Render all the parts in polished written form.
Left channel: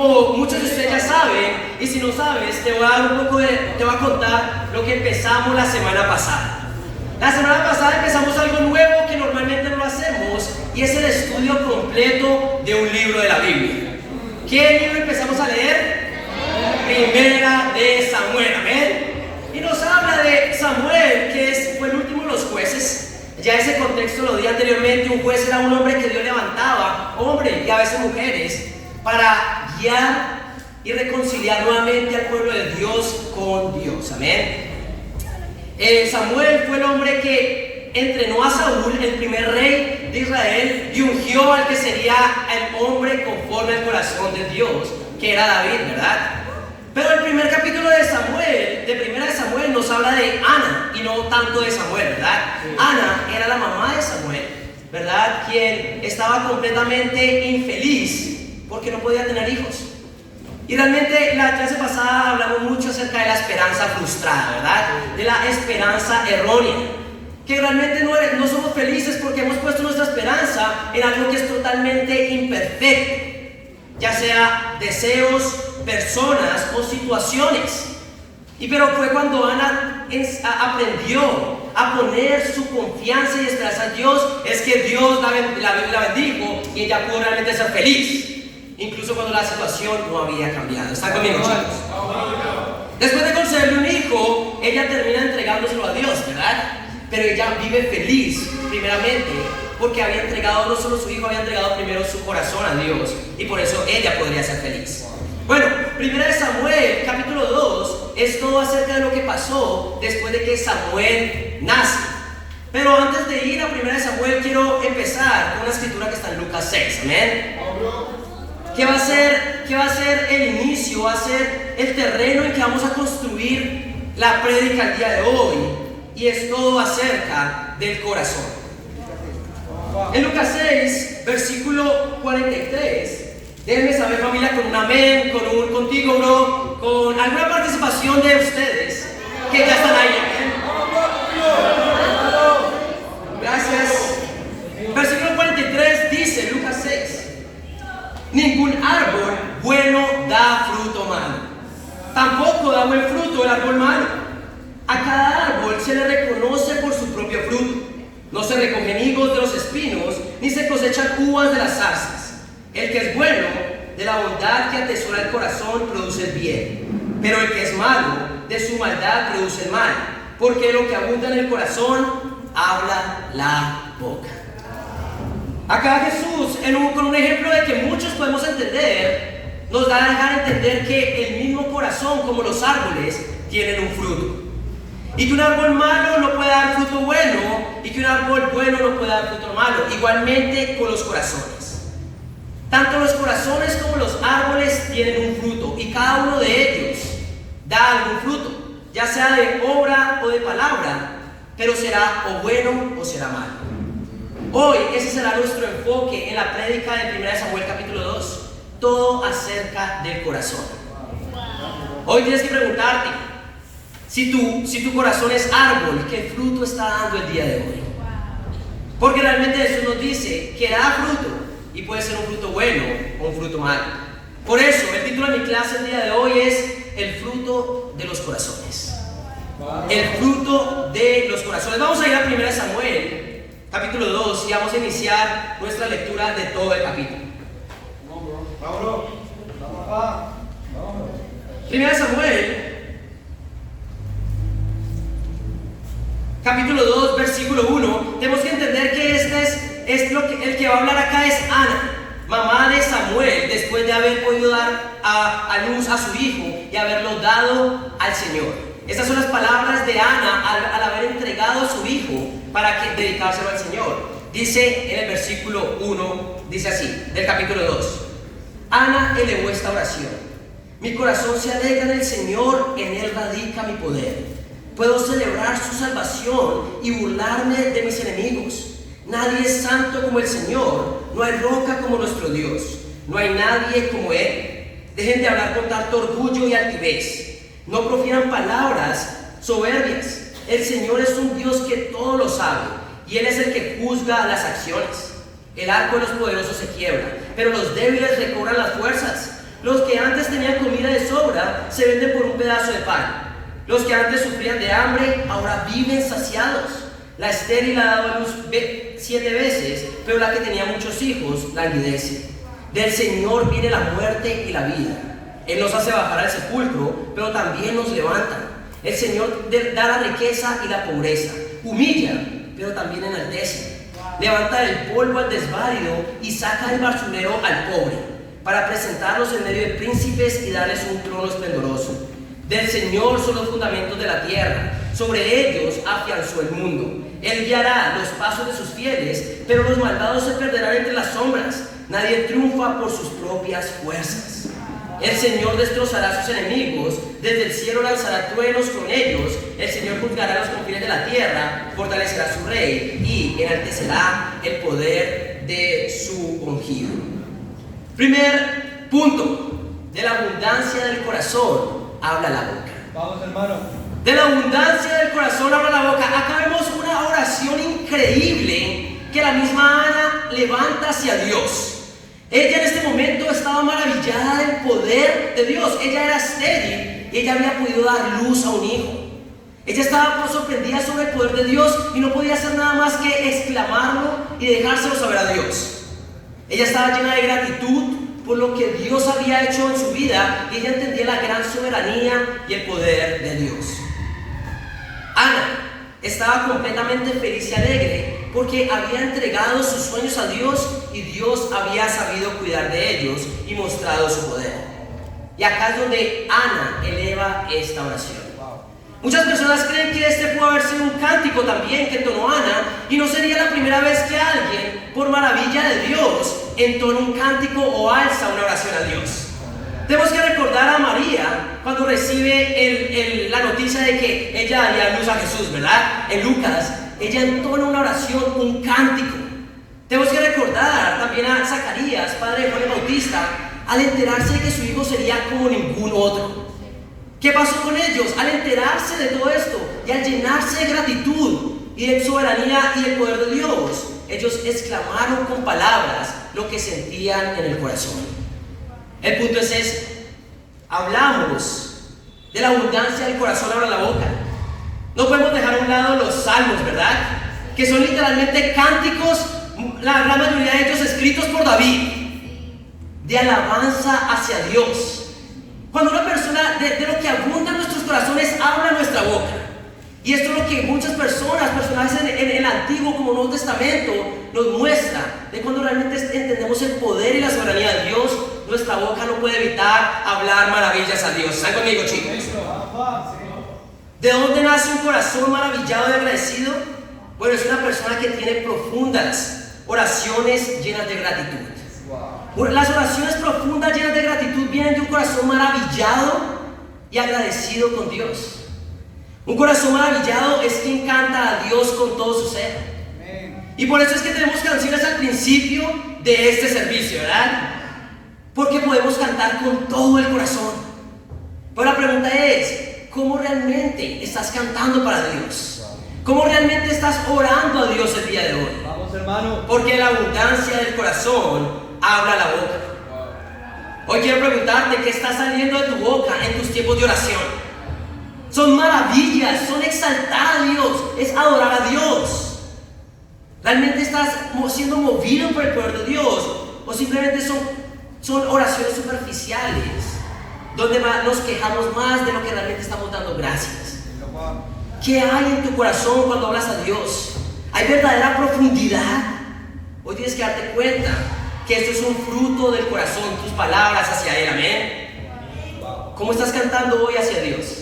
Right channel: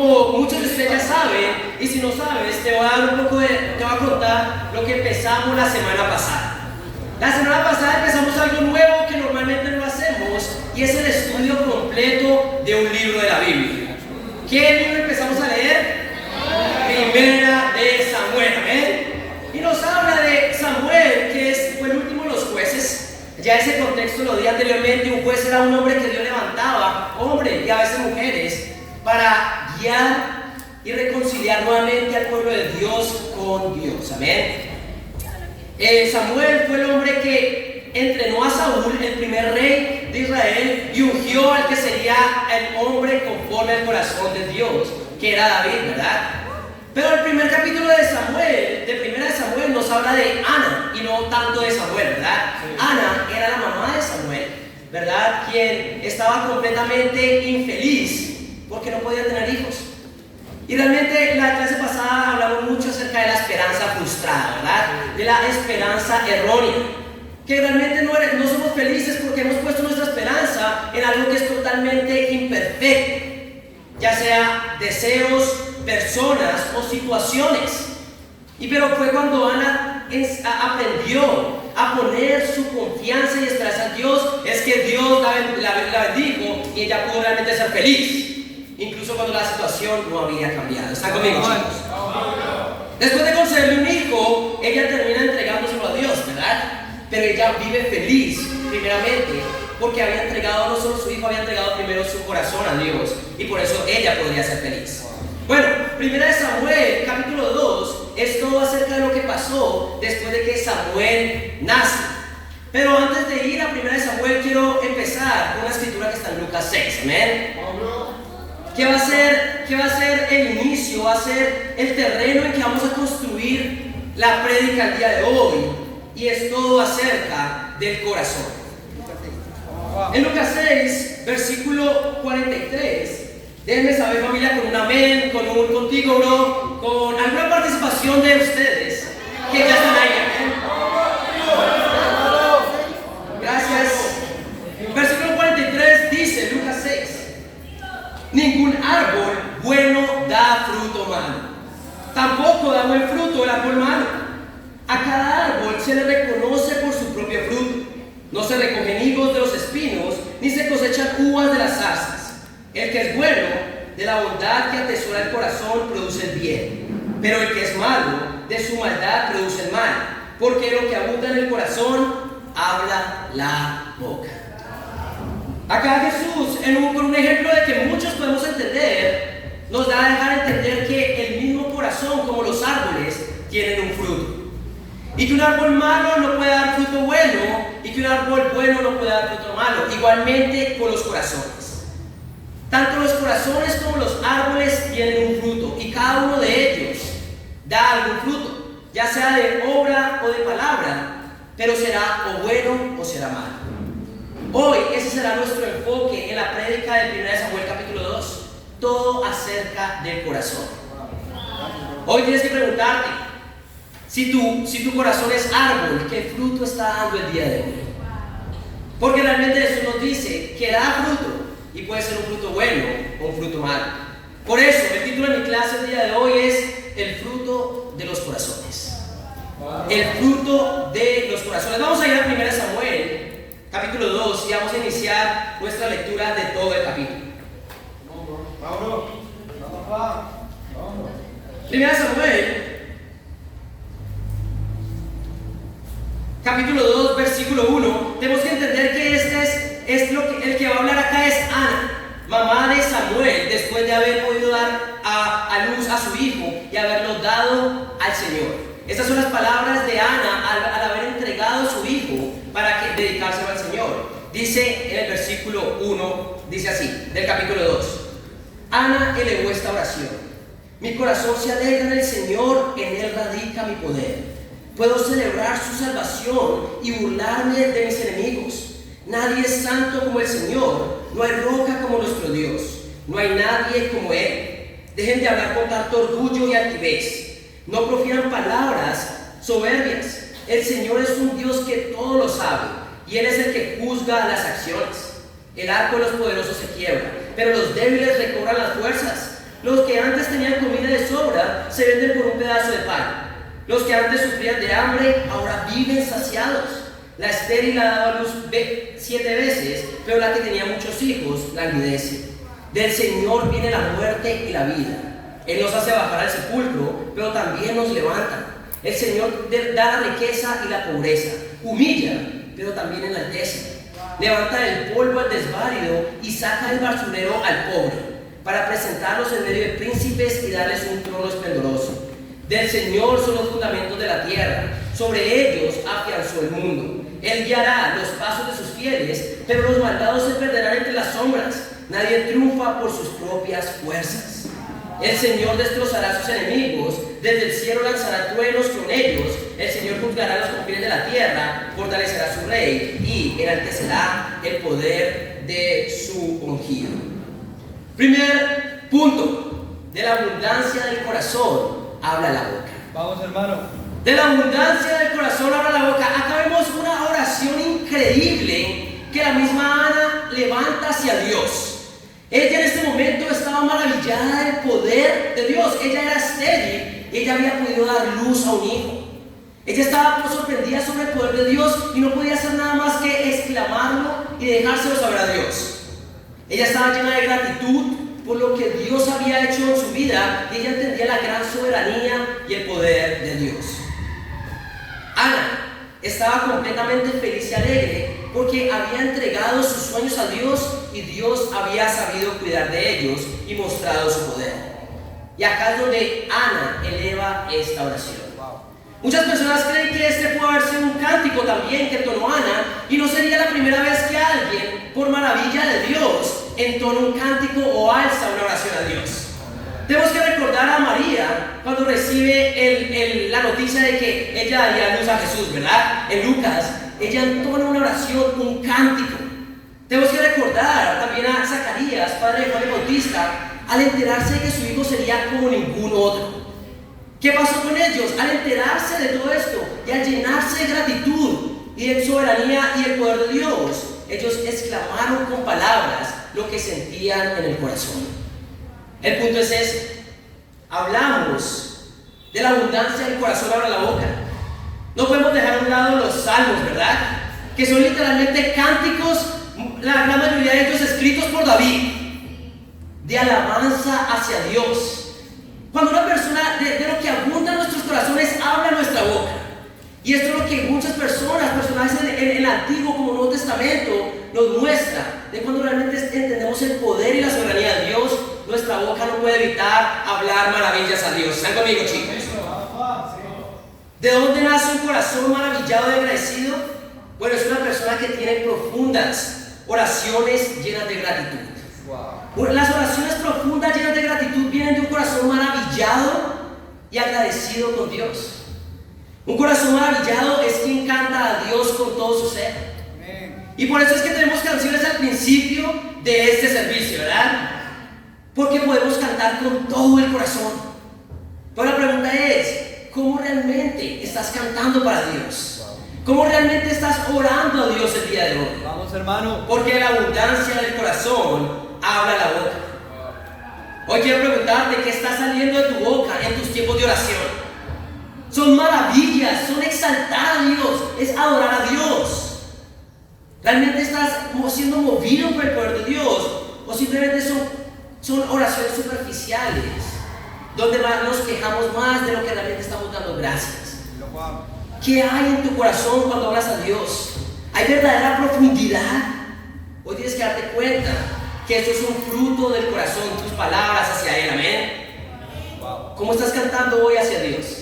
como muchos de ustedes ya saben, y si no sabes, te voy a contar lo que empezamos la semana pasada. La semana pasada empezamos algo nuevo que normalmente no hacemos, y es el estudio completo de un libro de la Biblia. ¿Qué libro empezamos a leer? Primera de Samuel, ¿ven? Y nos habla de Samuel, que fue el último de los jueces. Ya ese contexto lo di anteriormente. Un juez era un hombre que Dios levantaba, hombres y a veces mujeres, para guiar y reconciliar nuevamente al pueblo de Dios con Dios, amén. Samuel fue el hombre que entrenó a Saúl, el primer rey de Israel, y ungió al que sería el hombre conforme al corazón de Dios, que era David, ¿verdad? Pero el primer capítulo de Samuel, de Primera de Samuel, nos habla de Ana y no tanto de Samuel, ¿verdad? Ana era la mamá de Samuel, ¿verdad? Quien estaba completamente infeliz porque no podía tener hijos. Y realmente la clase pasada hablamos mucho acerca de la esperanza frustrada, ¿verdad? De la esperanza errónea. Que realmente no somos felices porque hemos puesto nuestra esperanza en algo que es totalmente imperfecto, ya sea deseos, personas o situaciones. Pero fue cuando Ana aprendió a poner su confianza y esperanza en Dios, es que Dios la bendijo y ella pudo realmente ser feliz, incluso cuando la situación no había cambiado. ¿Están conmigo, chicos? Después de concederle un hijo, ella termina entregándoselo a Dios, ¿verdad? Pero ella vive feliz, primeramente, porque había entregado no solo su hijo, había entregado primero su corazón a Dios, y por eso ella podría ser feliz. Bueno, Primera de Samuel, capítulo 2, es todo acerca de lo que pasó después de que Samuel nace. Pero antes de ir a Primera de Samuel, quiero empezar con una escritura que está en Lucas 6, ¿amén? ¿Qué va a ser el inicio? Va a ser el terreno en que vamos a construir la prédica el día de hoy, y es todo acerca del corazón. En Lucas 6, versículo 43, déjenme saber, familia, con un amén, contigo, bro, con alguna participación de ustedes que ya están ahí, amén. Gracias. Versículo 43 dice, Lucas 6, ningún árbol bueno da fruto malo, tampoco da buen fruto el árbol malo. A cada árbol se le reconoce por su propio fruto. No se recogen higos de los espinos, ni se cosechan uvas de las zarzas. El que es bueno, de la bondad que atesora el corazón, produce el bien. Pero el que es malo, de su maldad produce el mal. Porque lo que abunda en el corazón, habla la boca. Acá Jesús, con un ejemplo de que muchos podemos entender, nos da a dejar entender que el mismo corazón, como los árboles, tienen un fruto. Y que un árbol malo no puede dar fruto bueno, y que un árbol bueno no puede dar fruto malo. Igualmente con los corazones. Tanto los corazones como los árboles tienen un fruto, y cada uno de ellos da algún fruto, ya sea de obra o de palabra, pero será o bueno o será malo. Hoy ese será nuestro enfoque en la prédica de 1 Samuel capítulo 2, todo acerca del corazón. Hoy tienes que preguntarte, si tu corazón es árbol, ¿qué fruto está dando el día de hoy? Porque realmente Jesús nos dice que da fruto, y puede ser un fruto bueno o un fruto malo. Por eso, el título de mi clase el día de hoy es el fruto de los corazones. El fruto de los corazones. Vamos a ir a 1 Samuel, capítulo 2, y vamos a iniciar nuestra lectura de todo el capítulo. 1 Samuel, capítulo 2, versículo 1, tenemos que entender que el que va a hablar acá es Ana, mamá de Samuel, después de haber podido dar a luz a su hijo y haberlo dado al Señor. Estas son las palabras de Ana al haber entregado a su hijo para dedicárselo al Señor. Dice en el versículo 1, dice así, del capítulo 2, Ana elevó esta oración: mi corazón se alegra en el Señor, en Él radica mi poder. Puedo celebrar su salvación y burlarme de mis enemigos. Nadie es santo como el Señor, no hay roca como nuestro Dios, no hay nadie como Él. Dejen de hablar con tanto orgullo y altivez, no profieran palabras soberbias. El Señor es un Dios que todo lo sabe, y Él es el que juzga las acciones. El arco de los poderosos se quiebra, pero los débiles recobran las fuerzas. Los que antes tenían comida de sobra se venden por un pedazo de pan. Los que antes sufrían de hambre ahora viven saciados. La estéril ha dado a luz 7 veces, pero la que tenía muchos hijos languidece. Del Señor viene la muerte y la vida. Él nos hace bajar al sepulcro, pero también nos levanta. El Señor da la riqueza y la pobreza. Humilla, pero también enaltece. Levanta del polvo al desválido y saca del basurero al pobre, para presentarlos en medio de príncipes y darles un trono esplendoroso. Del Señor son los fundamentos de la tierra, sobre ellos afianzó el mundo. Él guiará los pasos de sus fieles, pero los malvados se perderán entre las sombras. Nadie triunfa por sus propias fuerzas. El Señor destrozará a sus enemigos, desde el cielo lanzará truenos con ellos. El Señor juzgará a los confines de la tierra, fortalecerá a su rey y enaltecerá el poder de su ungido. Primer punto: de la abundancia del corazón habla la boca. Vamos, hermano. De la abundancia del corazón habla la boca. Acá vemos una oración increíble que la misma Ana levanta hacia Dios. Ella en este momento estaba maravillada del poder de Dios. Ella era estéril y ella había podido dar luz a un hijo. Ella estaba sorprendida sobre el poder de Dios y no podía hacer nada más que exclamarlo y dejárselo saber a Dios. Ella estaba llena de gratitud por lo que Dios había hecho en su vida y ella entendía la gran soberanía y el poder de Dios. Ana estaba completamente feliz y alegre porque había entregado sus sueños a Dios y Dios había sabido cuidar de ellos y mostrado su poder. Y acá es donde Ana eleva esta oración. Muchas personas creen que este puede haber sido un cántico también que entonó Ana, y no sería la primera vez que alguien, por maravilla de Dios, entona un cántico o alza una oración a Dios. Tenemos que recordar a María cuando recibe la noticia de que ella daría luz a Jesús, ¿verdad? En Lucas, ella entona una oración, un cántico. Tenemos que recordar también a Zacarías, padre de Juan el Bautista, al enterarse de que su hijo sería como ningún otro. ¿Qué pasó con ellos? Al enterarse de todo esto y al llenarse de gratitud y de soberanía y el poder de Dios, ellos exclamaron con palabras lo que sentían en el corazón. El punto es este: hablamos de la abundancia del corazón, habla la boca. No podemos dejar a un lado los salmos, ¿verdad? Que son literalmente cánticos, la gran mayoría de ellos escritos por David, de alabanza hacia Dios. Cuando una persona, de lo que abunda en nuestros corazones, habla nuestra boca. Y esto es lo que muchas personajes en el Antiguo como Nuevo Testamento nos muestra, de cuando realmente entendemos el poder y la soberanía de Dios, nuestra boca no puede evitar hablar maravillas a Dios. ¿Están conmigo, chicos? ¿De dónde nace un corazón maravillado y agradecido? Bueno, es una persona que tiene profundas oraciones llenas de gratitud. Las oraciones profundas llenas de gratitud vienen de un corazón maravillado y agradecido con Dios. Un corazón maravillado es quien canta a Dios con todo su ser. Y por eso es que tenemos canciones al principio de este servicio, ¿verdad? Porque podemos cantar con todo el corazón. Pero la pregunta es: ¿cómo realmente estás cantando para Dios? ¿Cómo realmente estás orando a Dios el día de hoy? Vamos, hermano. Porque la abundancia del corazón habla la boca. Hoy quiero preguntarte: ¿qué está saliendo de tu boca en tus tiempos de oración? Son maravillas, son exaltar a Dios, es adorar a Dios. ¿Realmente estás siendo movido por el poder de Dios? ¿O simplemente son oraciones superficiales, donde nos quejamos más de lo que realmente estamos dando gracias? ¿Qué hay en tu corazón cuando hablas a Dios? ¿Hay verdadera profundidad? Hoy tienes que darte cuenta que esto es un fruto del corazón, tus palabras hacia Él. Amén. ¿Cómo estás cantando hoy hacia Dios?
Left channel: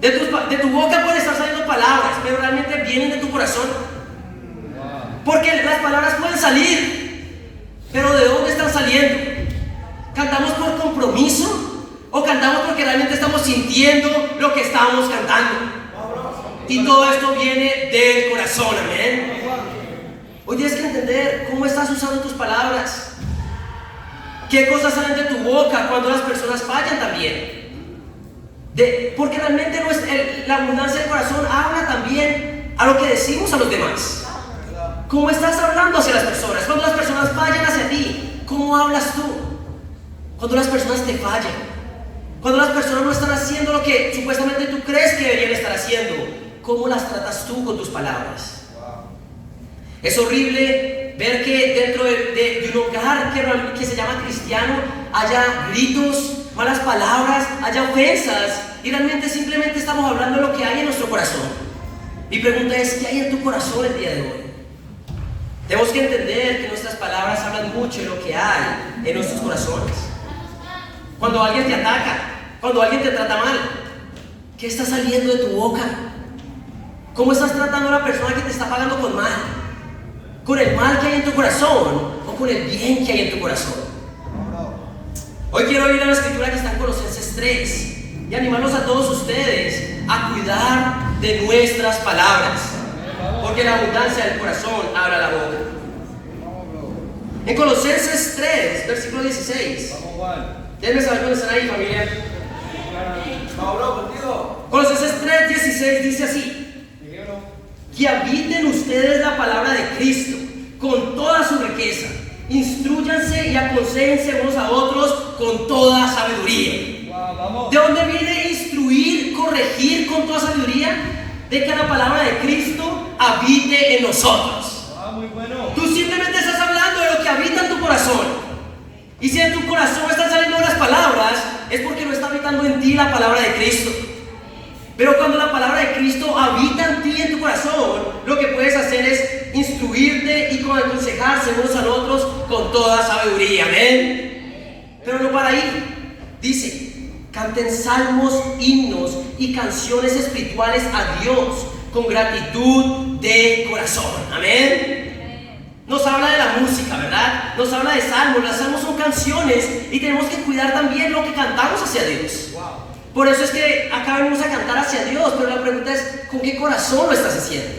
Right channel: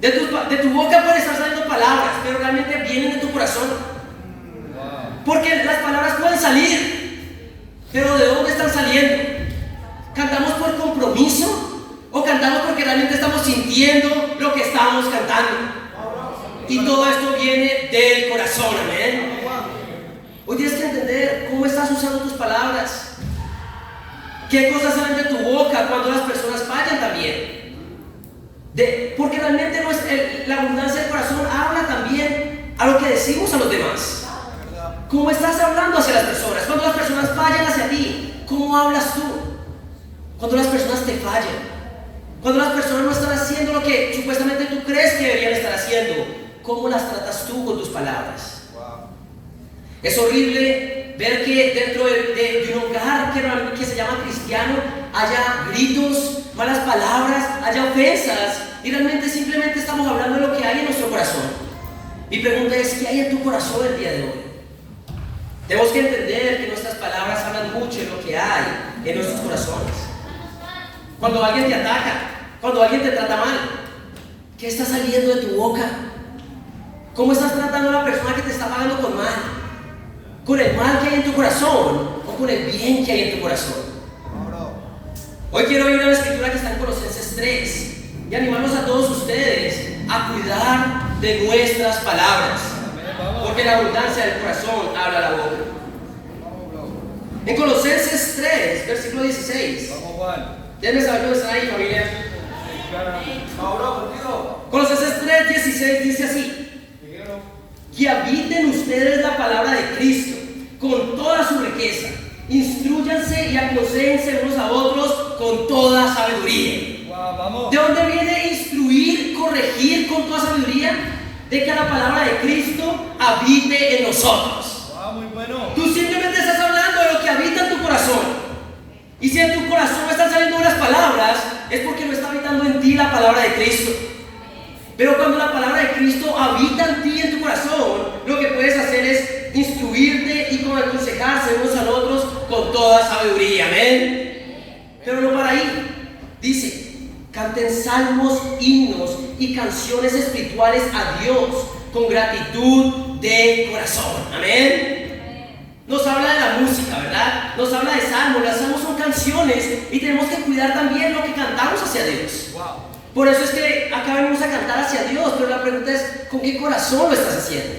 De tu boca pueden estar saliendo palabras, pero realmente vienen de tu corazón. Porque las palabras pueden salir, pero ¿de dónde están saliendo? ¿Cantamos por compromiso o cantamos porque realmente estamos sintiendo lo que estamos cantando? Y todo esto viene del corazón. Amén. Hoy tienes que entender cómo estás usando tus palabras. ¿Qué cosas salen de tu boca cuando las personas fallan también? Porque realmente la abundancia del corazón habla también a lo que decimos a los demás. ¿Cómo estás hablando hacia las personas? Cuando las personas fallan hacia ti, ¿cómo hablas tú? Cuando las personas te fallan, cuando las personas no están haciendo lo que supuestamente tú crees que deberían estar haciendo, ¿cómo las tratas tú con tus palabras? Es horrible ver que dentro de un hogar que se llama cristiano haya gritos, malas palabras, haya ofensas, y realmente simplemente estamos hablando de lo que hay en nuestro corazón. Mi pregunta es, ¿qué hay en tu corazón el día de hoy? Tenemos que entender que nuestras palabras hablan mucho de lo que hay en nuestros corazones. Cuando alguien te ataca, cuando alguien te trata mal, ¿qué está saliendo de tu boca? ¿Cómo estás tratando a una persona que te está pagando con mal? ¿Con el mal que hay en tu corazón o con el bien que hay en tu corazón? Hoy quiero ir a la escritura que está en Colosenses 3 y animarlos a todos ustedes a cuidar de nuestras palabras, porque la abundancia del corazón habla la boca. En Colosenses 3, versículo 16. Déjenme saber dónde están ahí, familia. Colosenses 3, 16 dice así: que habiten ustedes la palabra de Cristo con toda su riqueza, instrúyanse y aconséjense unos a otros con toda sabiduría. ¿De dónde viene instruir, corregir con toda sabiduría? De que la palabra de Cristo habite en nosotros. Muy bueno. Tú simplemente estás hablando de lo que habita en tu corazón. Y si en tu corazón están saliendo unas palabras, es porque no está habitando en ti la palabra de Cristo. Pero cuando la palabra de Cristo habita en ti, en tu corazón, lo que puedes hacer es instruirte y aconsejarse unos a otros con toda sabiduría. Amén. Pero no para ahí. Dice: canten salmos, himnos y canciones espirituales a Dios con gratitud de corazón. Amén. Nos habla de la música, ¿verdad? Nos habla de salmos. Las salmos son canciones y tenemos que cuidar también lo que cantamos hacia Dios. Por eso es que acá venimos a cantar hacia Dios, pero la pregunta es, ¿con qué corazón lo estás haciendo?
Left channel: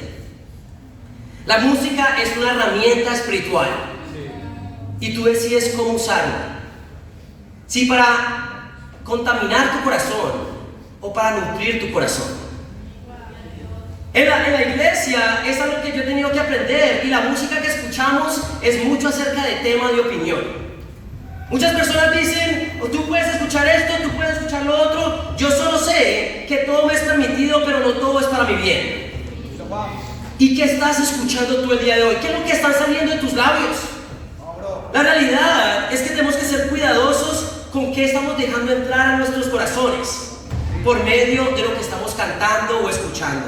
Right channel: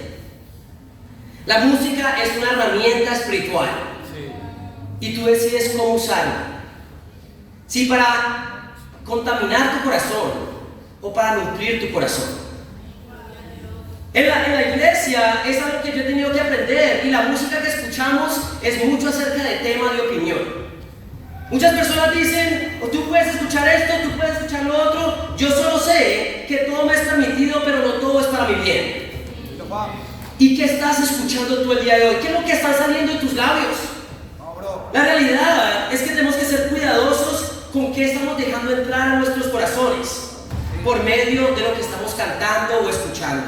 La música es una herramienta espiritual y tú decides cómo usarla. Si para contaminar tu corazón o para nutrir tu corazón. En la iglesia es algo que yo he tenido que aprender, y la música que escuchamos es mucho acerca de temas de opinión. Muchas personas dicen: tú puedes escuchar esto, tú puedes escuchar lo otro. Yo solo sé que todo me es permitido, pero no todo es para mi bien. ¿Y qué estás escuchando tú el día de hoy? ¿Qué es lo que está saliendo de tus labios? La realidad es que tenemos que ser cuidadosos con qué estamos dejando entrar en nuestros corazones por medio de lo que estamos cantando o escuchando.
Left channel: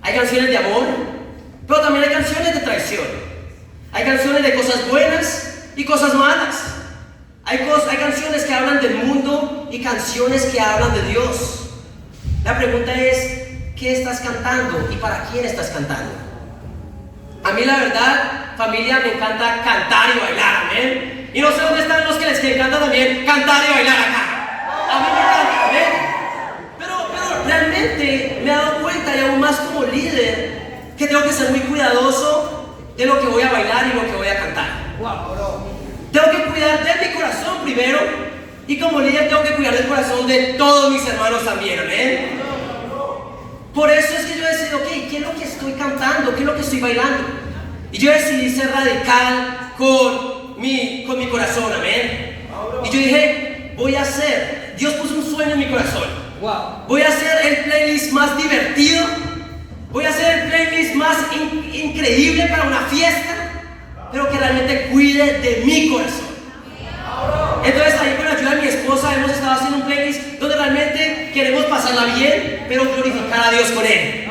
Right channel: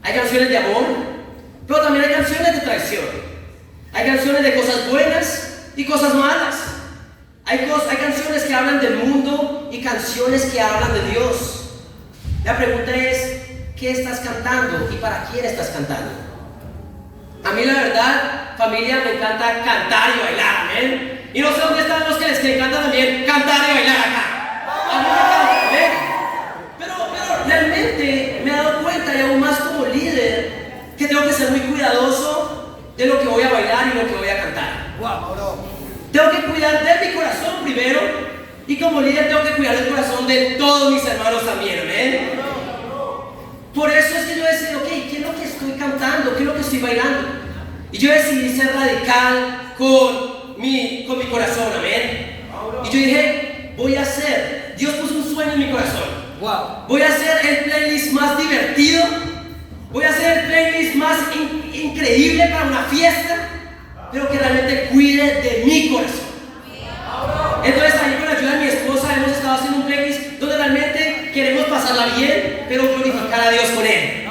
Hay canciones de amor, pero también hay canciones de traición. Hay canciones de cosas buenas y cosas malas. Hay canciones que hablan del mundo y canciones que hablan de Dios. La pregunta es, ¿qué estás cantando y para quién estás cantando? A mí la verdad, familia, me encanta cantar y bailar, amén. Y no sé dónde están los que les encanta también cantar y bailar acá. A mí me encanta, amén. Pero realmente me he dado cuenta, y aún más como líder, que tengo que ser muy cuidadoso de lo que voy a bailar y lo que voy a cantar. Tengo que cuidar de mi corazón primero, y como líder tengo que cuidar del corazón de todos mis hermanos también, amén. Por eso es que yo decidí, ok, ¿qué es lo que estoy cantando? ¿Qué es lo que estoy bailando? Y yo decidí ser radical con mi corazón, amén. Y yo dije, voy a hacer, Dios puso un sueño en mi corazón. Voy a hacer el playlist más divertido, voy a hacer el playlist más increíble para una fiesta, pero que realmente cuide de mi corazón. Entonces ahí con la ayuda de mi esposa hemos estado haciendo un playlist donde realmente queremos pasarla bien, pero glorificar a Dios con él.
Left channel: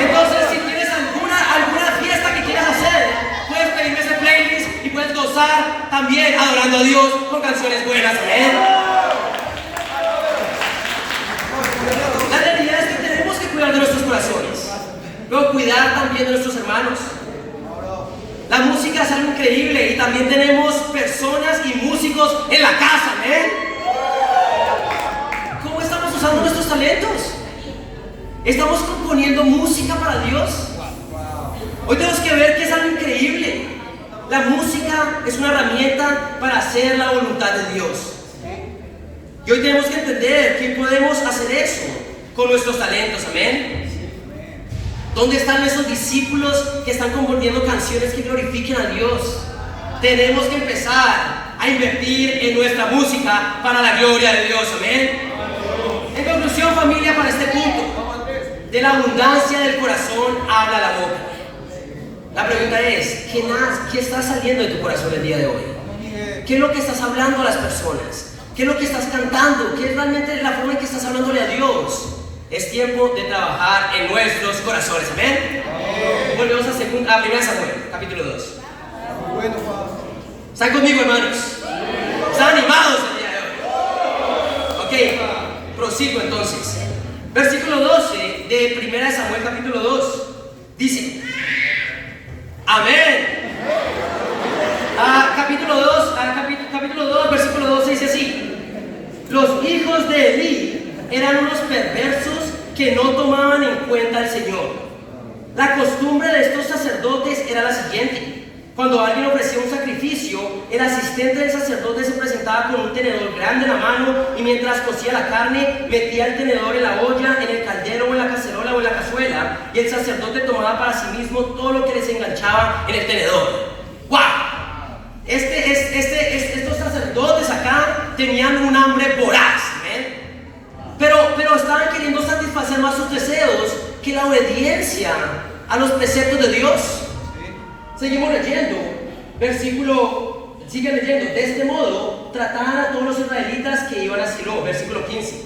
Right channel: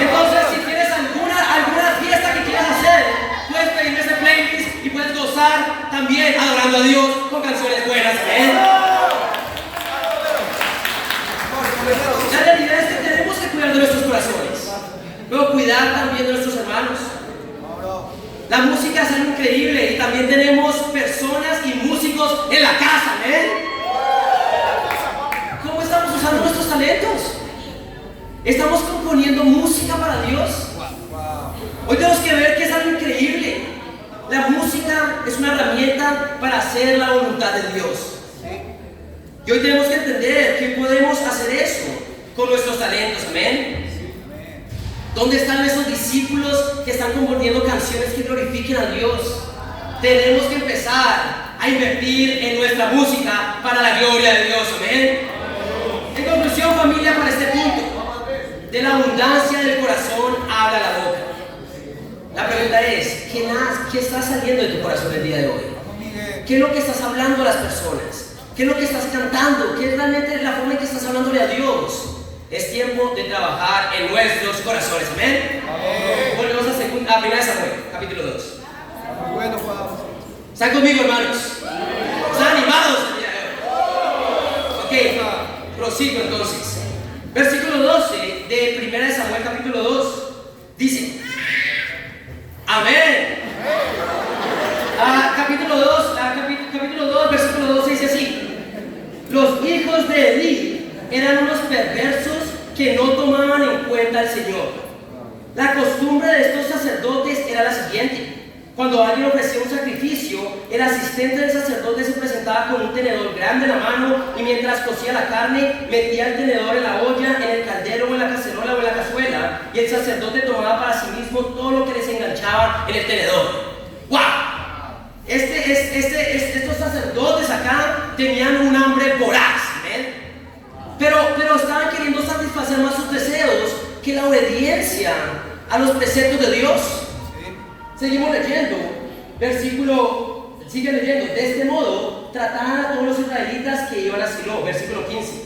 Entonces si tienes alguna fiesta que quieras hacer, puedes pedirme ese playlist y puedes gozar también adorando a Dios con canciones buenas. Amén. La realidad es que tenemos que cuidar de nuestros corazones, pero cuidar también de nuestros hermanos. La música es algo increíble y también tenemos personas y músicos en la casa, ¿eh? ¿Cómo estamos usando nuestros talentos? ¿Estamos componiendo música para Dios? Hoy tenemos que ver que es algo increíble. La música es una herramienta para hacer la voluntad de Dios. Y hoy tenemos que entender que podemos hacer eso con nuestros talentos, ¿amén? ¿Dónde están esos discípulos que están componiendo canciones que glorifiquen a Dios? Tenemos que empezar a invertir en nuestra música para la gloria de Dios. Amén. En conclusión, familia, para este punto, de la abundancia del corazón habla la boca. La pregunta es, ¿qué está saliendo de tu corazón el día de hoy? ¿Qué es lo que estás hablando a las personas? ¿Qué es lo que estás cantando? ¿Qué es realmente la forma en que estás hablándole a Dios? Es tiempo de trabajar en nuestros corazones. ¿Amén? Volvemos a 1 Samuel, capítulo 2. Bueno, Pablo. ¿Están conmigo, hermanos? ¿Están animados el día de hoy? Ok, prosigo entonces. Versículo 12 de 1 Samuel, capítulo 2, dice: Amén. Capítulo 2, versículo 12 dice así: Los hijos de Elí eran unos perversos que no tomaban en cuenta al Señor. La costumbre de estos sacerdotes era la siguiente: cuando alguien ofrecía un sacrificio, el asistente del sacerdote se presentaba con un tenedor grande en la mano y mientras cocía la carne, metía el tenedor en la olla, en el caldero o en la cacerola o en la cazuela, y el sacerdote tomaba para sí mismo todo lo que les enganchaba en el tenedor. ¡Wow! Estos sacerdotes acá tenían un hambre voraz, ¿eh? Pero estaban queriendo satisfacer más sus deseos que la obediencia a los preceptos de Dios. Seguimos leyendo, sigue leyendo: de este modo trataban a todos los israelitas que iban a Silo. Versículo 15.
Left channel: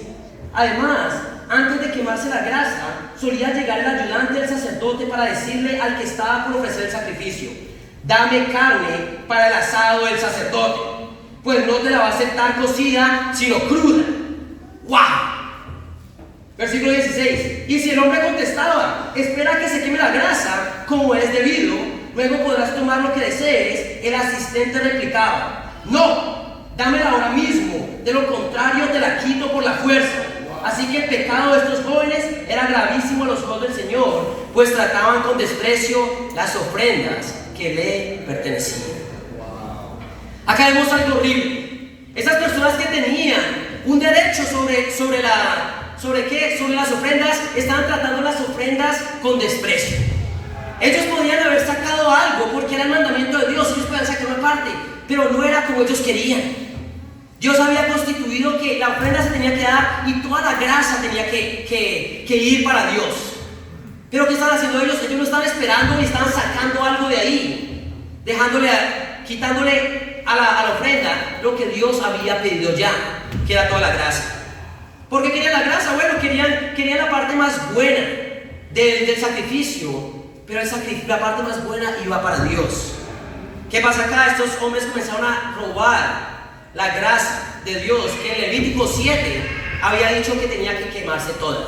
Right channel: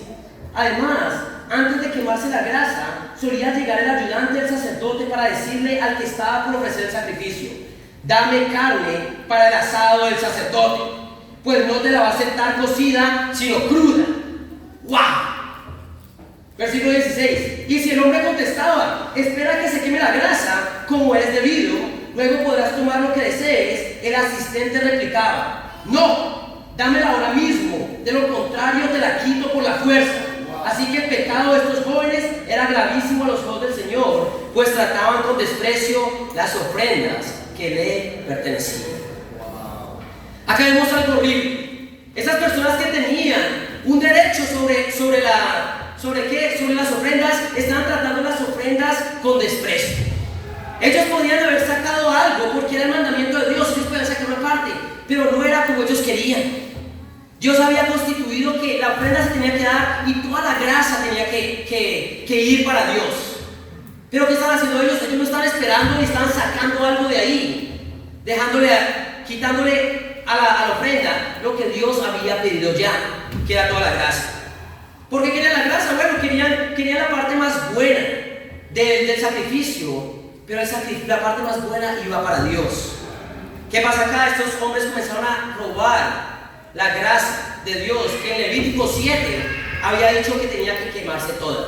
Además, antes de quemarse la grasa, solía llegar el ayudante del sacerdote para decirle al que estaba por ofrecer el sacrificio: dame carne para el asado del sacerdote, pues no te la va a aceptar cocida, sino cruda. ¡Wow! Versículo 16. Y si el hombre contestaba: espera que se queme la grasa, como es debido, luego podrás tomar lo que desees, el asistente replicaba: no, dámela ahora mismo, de lo contrario te la quito por la fuerza. Así que el pecado de estos jóvenes era gravísimo a los ojos del Señor, pues trataban con desprecio las ofrendas que le pertenecían. Acá vemos algo horrible. Estas personas que tenían un derecho sobre las ofrendas, estaban tratando las ofrendas con desprecio. Ellos podían haber sacado algo porque era el mandamiento de Dios, ellos podían sacar una parte, pero no era como ellos querían. Dios había constituido que la ofrenda se tenía que dar y toda la grasa tenía que ir para Dios. Pero ¿qué están haciendo ellos? Ellos no estaban esperando y estaban sacando algo de ahí, quitándole a la ofrenda lo que Dios había pedido ya, que era toda la grasa. ¿Por qué querían la grasa? Bueno, querían la parte más buena del sacrificio, pero la parte más buena iba para Dios. ¿Qué pasa acá? Estos hombres comenzaron a robar la grasa de Dios, que en Levítico 7 había dicho que tenía que quemarse toda.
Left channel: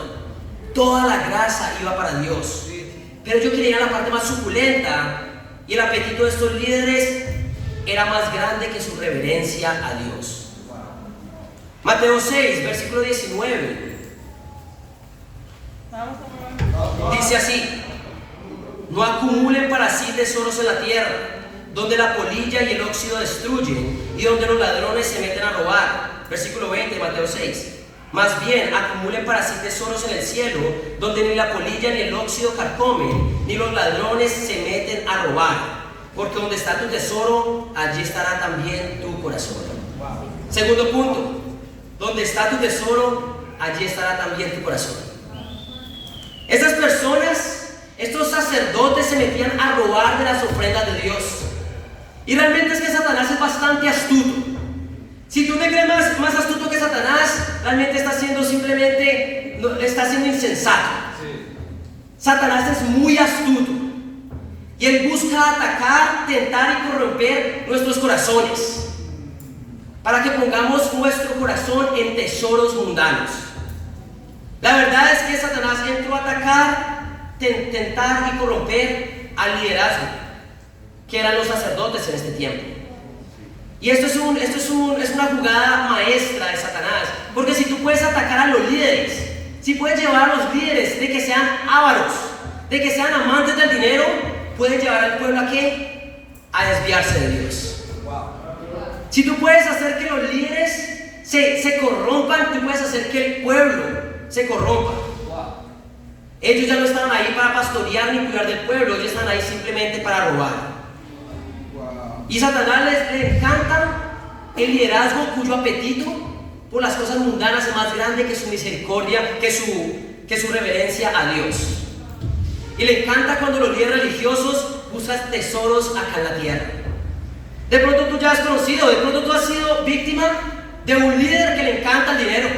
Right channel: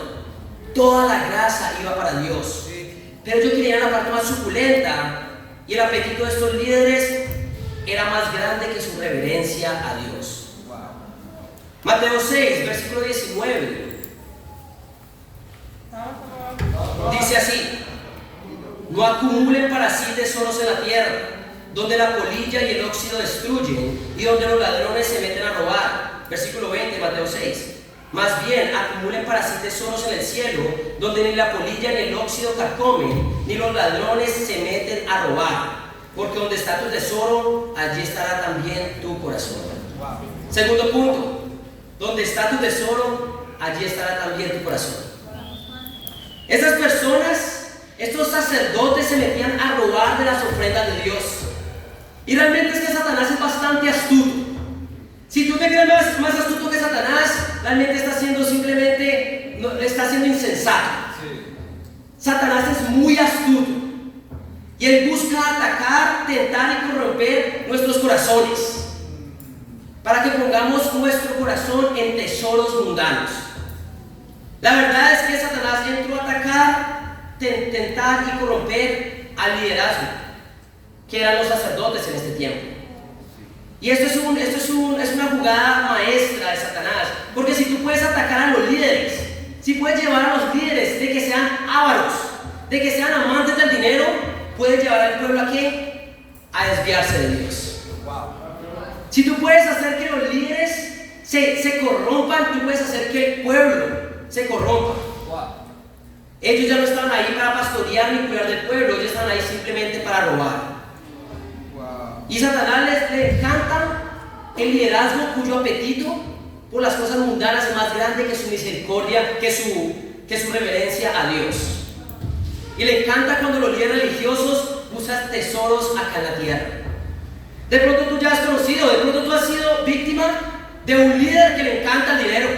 Toda la grasa iba para Dios, pero ellos querían la parte más suculenta, y el apetito de estos líderes era más grande que su reverencia a Dios. Mateo 6, versículo 19 dice así: no acumulen para sí tesoros en la tierra, donde la polilla y el óxido destruyen y donde los ladrones se meten a robar. Versículo 20, Mateo 6. Más bien, acumulen para sí tesoros en el cielo, donde ni la polilla ni el óxido carcomen, ni los ladrones se meten a robar. Porque donde está tu tesoro, allí estará también tu corazón. Segundo punto: donde está tu tesoro, allí estará también tu corazón. Estas personas, estos sacerdotes, se metían a robar de las ofrendas de Dios. Y realmente es que Satanás es bastante astuto. Si tú te crees más astuto que Satanás, realmente está siendo insensato. Satanás es muy astuto y él busca atacar, tentar y corromper nuestros corazones para que pongamos nuestro corazón en tesoros mundanos. La verdad es que Satanás entró a atacar, tentar y corromper al liderazgo, que eran los sacerdotes en este tiempo. Y esto es una jugada maestra de Satanás, porque si tú puedes atacar a los líderes, si puedes llevar a los líderes de que sean ávaros, de que sean amantes del dinero, puedes llevar al pueblo ¿a qué? A desviarse de Dios. Si tú puedes hacer que los líderes se corrompan, tú puedes hacer que el pueblo se corrompa. Ellos ya no estaban ahí para pastorear ni cuidar del pueblo, ellos están ahí simplemente para robar. Y Satanás le encanta el liderazgo cuyo apetito por las cosas mundanas es más grande que su misericordia, que su reverencia a Dios. Y le encanta cuando los líderes religiosos buscan tesoros acá en la tierra. De pronto tú ya has conocido, de pronto tú has sido víctima de un líder que le encanta el dinero.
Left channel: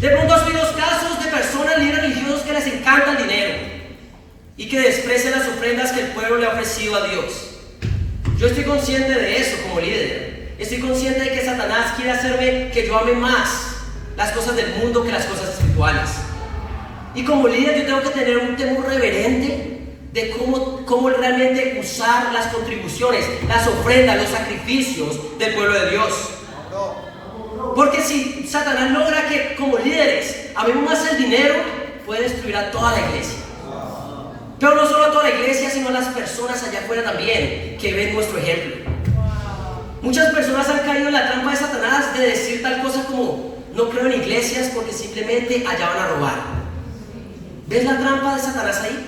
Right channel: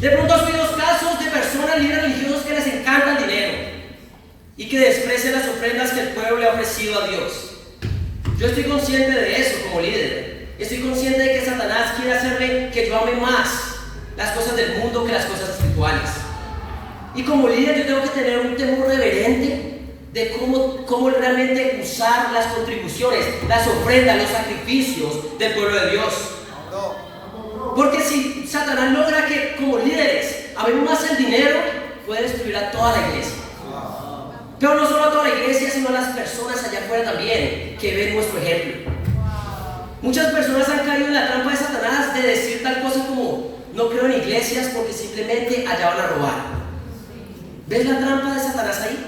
De pronto has tenido casos de personas, líderes religiosos, que les encanta el dinero y que desprecian las ofrendas que el pueblo le ha ofrecido a Dios. Yo estoy consciente de eso como líder. Estoy consciente de que Satanás quiere hacerme que yo ame más las cosas del mundo que las cosas espirituales. Y como líder yo tengo que tener un temor reverente de cómo realmente usar las contribuciones, las ofrendas, los sacrificios del pueblo de Dios. Porque si Satanás logra que como líderes amemos más el dinero, puede destruir a toda la iglesia. Pero no solo a toda la iglesia, sino a las personas allá afuera también, que ven nuestro ejemplo. Muchas personas han caído en la trampa de Satanás de decir tal cosa como: no creo en iglesias porque simplemente allá van a robar. ¿Ves la trampa de Satanás ahí?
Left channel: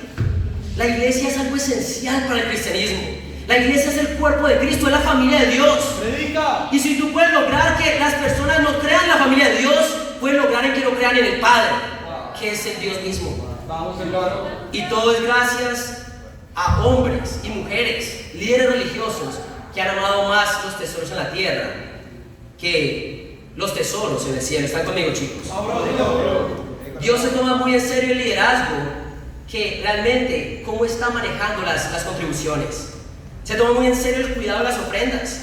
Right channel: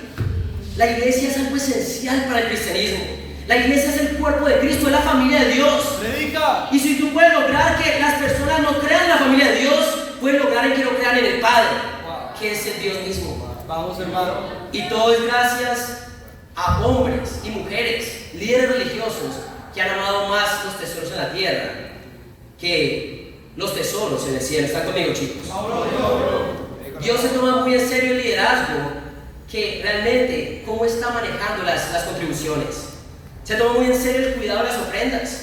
La iglesia es algo esencial para el cristianismo. La iglesia es el cuerpo de Cristo, es la familia de Dios. Predica. Y si tú puedes lograr que las personas no crean en la familia de Dios, puedes lograr que no crean en el Padre, que es el Dios mismo. Vamos, hermano. Y todo es gracias a hombres y mujeres, líderes religiosos, que han amado más los tesoros en la tierra que los tesoros en el cielo. ¿Están conmigo, chicos? Dios se toma muy en serio el liderazgo, que realmente cómo está manejando las contribuciones. Se toma muy en serio el cuidado de las ofrendas.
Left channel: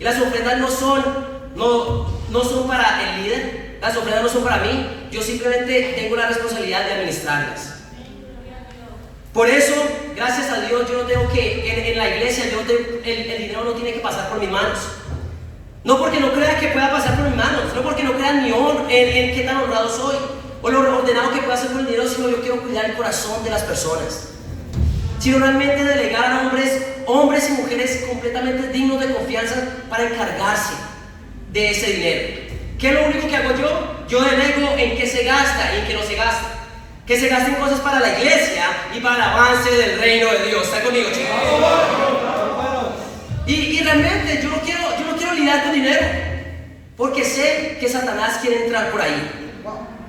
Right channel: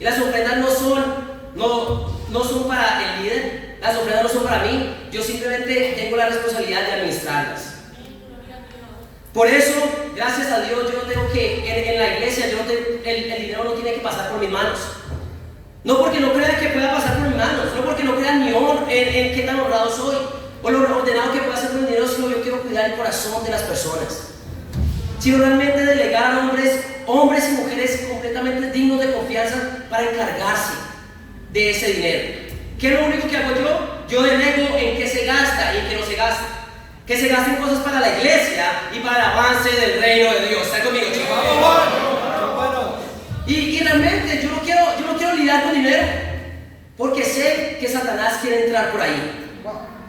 Y las ofrendas no son para el líder, las ofrendas no son para mí. Yo simplemente tengo la responsabilidad de administrarlas. Por eso, gracias a Dios, yo no tengo que, en la iglesia, el dinero no tiene que pasar por mis manos. No porque no crea que pueda pasar por mis manos, no porque no crea en en qué tan honrado soy, o lo ordenado que pueda hacer con el dinero, sino yo quiero cuidar el corazón de las personas. Sino realmente delegar a hombres y mujeres completamente dignos de confianza para encargarse de ese dinero. ¿Qué es lo único que hago yo? Yo delego en qué se gasta y en qué no se gasta. Que se gasten cosas para la iglesia y para el avance del reino de Dios. ¿Están conmigo, chicos? Y realmente yo no quiero lidiar con dinero, porque sé que Satanás quiere entrar por ahí.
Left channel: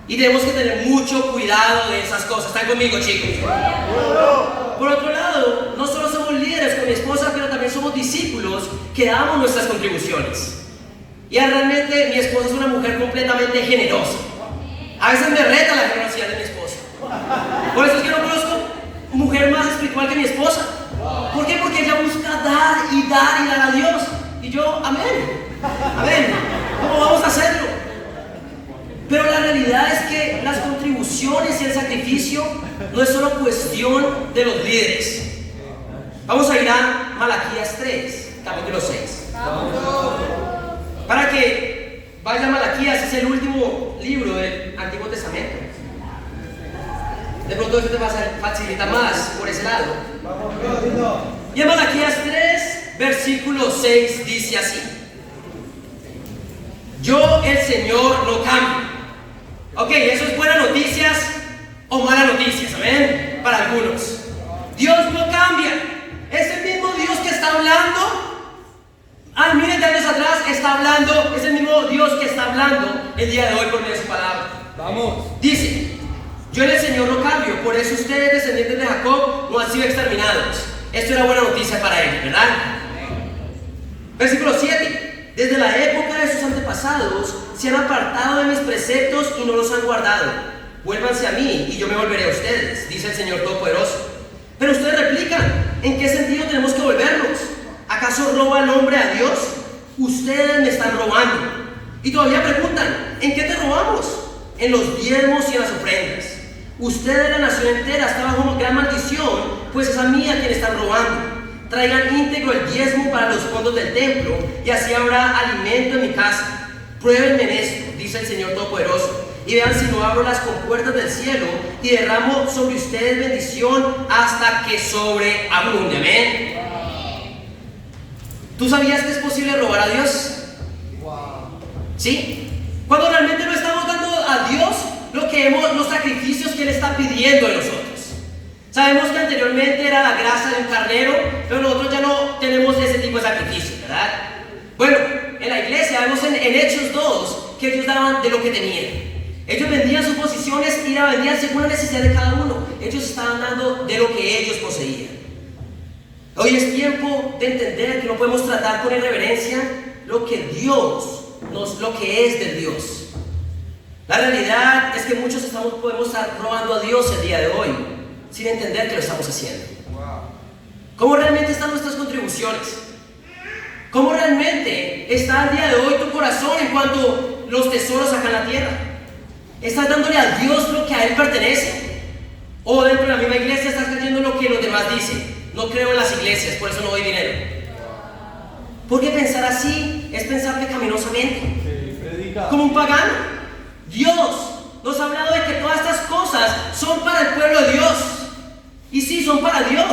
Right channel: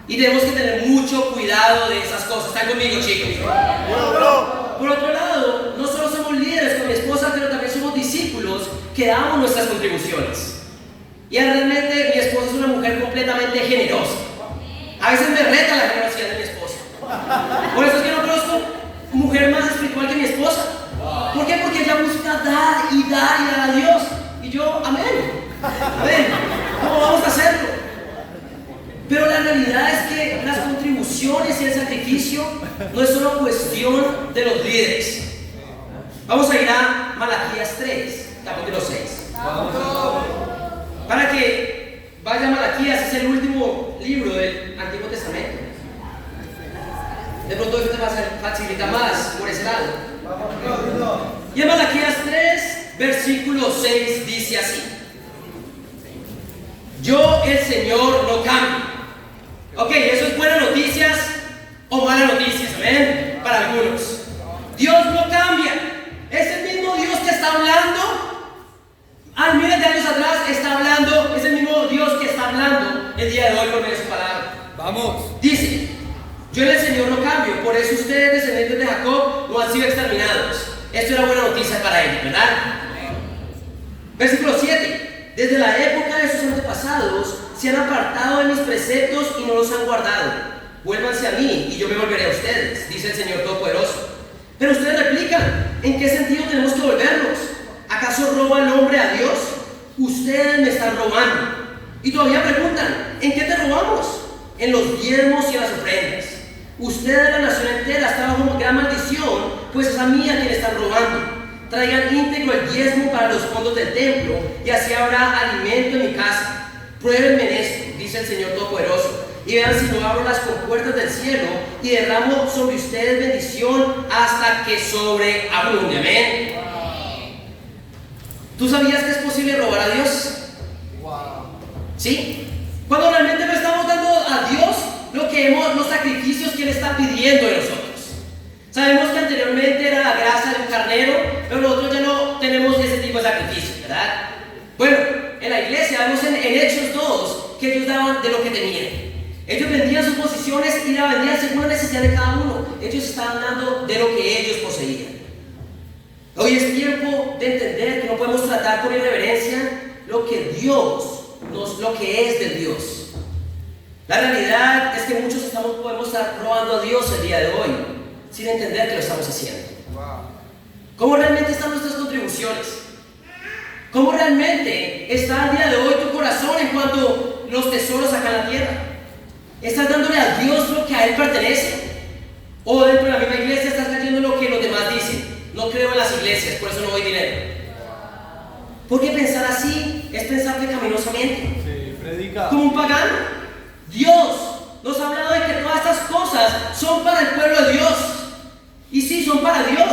Y tenemos que tener mucho cuidado de esas cosas. ¿Están conmigo, chicos? Por otro lado, no solo somos líderes con mi esposa, pero también somos discípulos que damos nuestras contribuciones. Y realmente mi esposa es una mujer completamente generosa. A veces me reta la generosidad de mi esposa. Por eso es que no conozco mujer más espiritual que mi esposa. ¿Por qué? Porque ella busca dar y dar a Dios. Y yo, amén. ¿Cómo vamos a hacerlo? Pero la realidad es que las contribuciones y el sacrificio no es solo cuestión de los líderes. Vamos a ir a Malaquías 3, capítulo 6. Para que vaya a Malaquías, es el último libro del Antiguo Testamento. De pronto esto te va a facilitar más por ese lado. Y en Malaquías 3, versículo 6 dice así: yo, el Señor, no cambio. Ok, eso es buenas noticias o malas noticias, ¿ven? Para algunos. Dios no cambia. Es el mismo Dios que está hablando miles de años atrás, está hablando. Es el mismo Dios que está hablando el día de hoy por medio de su palabra. Vamos. Dice: yo, el Señor, no cambio. Por eso ustedes, descendientes de Jacob, no han sido exterminados. Esto es una buena noticia para ellos, ¿verdad? Versículo 7. Desde la época de sus antepasados se han apartado de mis preceptos y no los han guardado. Vuélvanse a mí y yo me volveré a ustedes, dice el Señor Todopoderoso. Pero ustedes replican: ¿en qué sentido tenemos que volvernos? ¿Acaso roba el hombre a Dios? Ustedes me están robando. Y todavía preguntan: ¿en qué te robamos? En los diezmos y en las ofrendas. Ustedes, la nación entera, están bajo gran maldición, pues es a mí a quien están robando. Traigan íntegro el diezmo para los fondos del templo, y así habrá alimento en mi casa. Pruébenme en esto, dice el Señor Todopoderoso, y vean si no abro las compuertas del cielo y derramo sobre ustedes bendición hasta que sobreabunde. Amén. ¿Tú sabías que es posible robar a Dios? ¿Sí? Cuando realmente no estamos dando a Dios los sacrificios que Él está pidiendo de nosotros. Sabemos que anteriormente era la grasa de un carnero, pero nosotros ya no tenemos ese tipo de sacrificios, ¿verdad? Bueno, en la iglesia sabemos en Hechos 2 que ellos daban de lo que tenían. Ellos vendían sus posiciones y la vendían según la necesidad de cada uno. Ellos estaban dando de lo que ellos poseían. Hoy es tiempo de entender que no podemos tratar con irreverencia lo que es de Dios. La realidad es que muchos podemos estar robando a Dios el día de hoy sin entender que lo estamos haciendo. ¿Cómo realmente están nuestras contribuciones? ¿Cómo realmente está el día de hoy tu corazón en cuanto a los tesoros acá en la tierra? ¿Estás dándole a Dios lo que a Él pertenece? ¿O dentro de la misma iglesia estás creyendo lo que los demás dicen? No creo en las iglesias, por eso no doy dinero. Porque pensar así es pensar pecaminosamente. Como un pagano. Dios nos ha hablado de que todas estas cosas son para el pueblo de Dios. Y sí, son para Dios.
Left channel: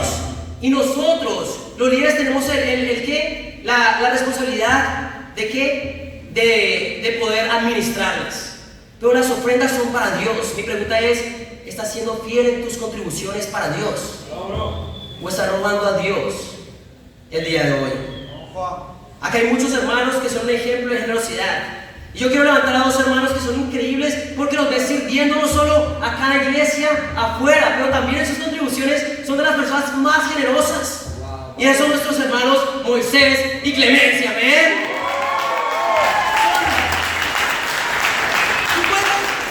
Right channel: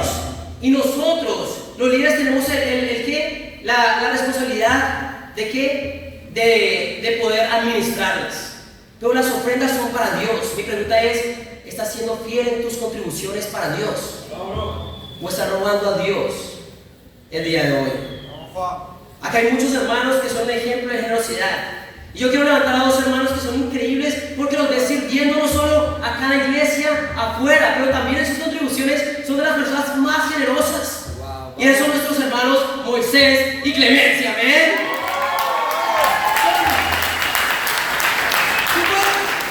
Y nosotros, los líderes, tenemos la responsabilidad de poder administrarlas. Pero las ofrendas son para Dios. Mi pregunta es, ¿estás siendo fiel en tus contribuciones para Dios? ¿O estás robando a Dios el día de hoy? Acá hay muchos hermanos que son un ejemplo de generosidad. Y yo quiero levantar a dos hermanos que son increíbles porque los ven sirviendo no solo acá en la iglesia, afuera, pero también en sus contribuciones son de las personas más generosas. Y esos son nuestros hermanos Moisés y Clemencia. ¿Ven?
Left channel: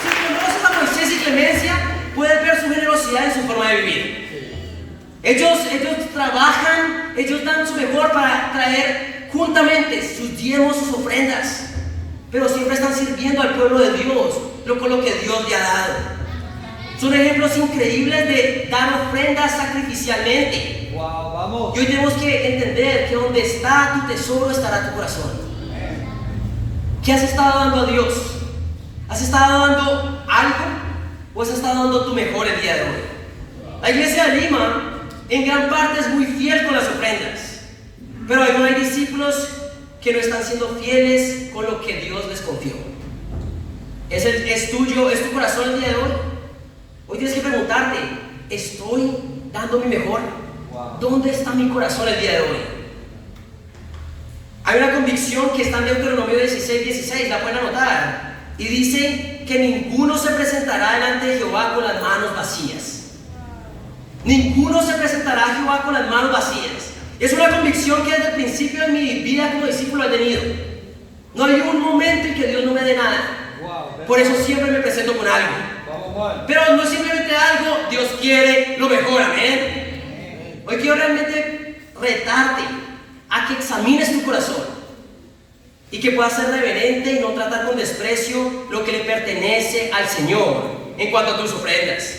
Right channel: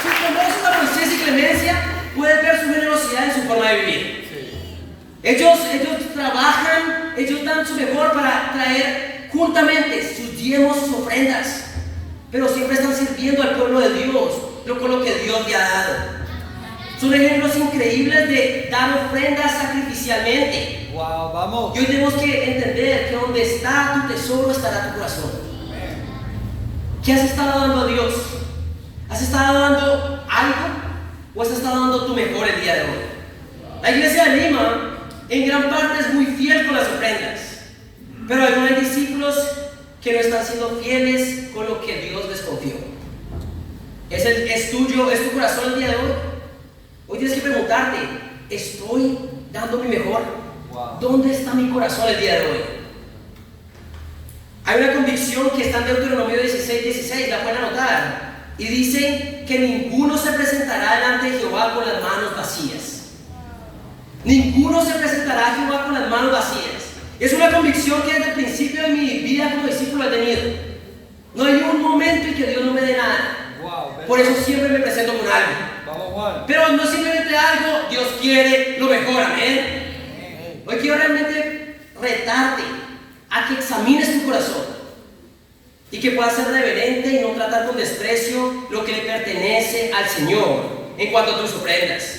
Si conoces a Moisés y Clemencia, puedes ver su generosidad y su forma de vivir. Ellos trabajan, ellos dan su mejor para traer juntamente sus diezmos, sus ofrendas, pero siempre están sirviendo al pueblo de Dios, con lo que Dios le ha dado. Son ejemplos increíbles de dar ofrendas sacrificialmente. Wow, vamos. Y hoy tenemos que entender que donde está tu tesoro estará tu corazón. ¿Qué has estado dando a Dios? ¿Has estado dando algo o has estado dando tu mejor el día de hoy? La iglesia de Lima en gran parte es muy fiel con las ofrendas, pero hay discípulos que no están siendo fieles con lo que Dios les confió. ¿Es tu corazón el día de hoy? Hoy tienes que preguntarte, ¿estoy dando mi mejor? ¿Dónde está mi corazón el día de hoy? Hay una convicción que está en Deuteronomio 16:16, la pueden anotar, y dice que ninguno se presentará delante de Jehová con las manos vacías. Ninguno se presentará a Jehová con las manos vacías. Es una convicción que desde el principio de mi vida como discípulo he tenido. No hay un momento en que Dios no me dé nada. Por eso siempre me presento con algo. Pero no es simplemente algo, Dios quiere lo mejor, amén. Hoy quiero realmente retarte a que examines tu corazón y que puedas ser reverente y no tratar con desprecio lo que le pertenece al Señor en cuanto a tus ofrendas.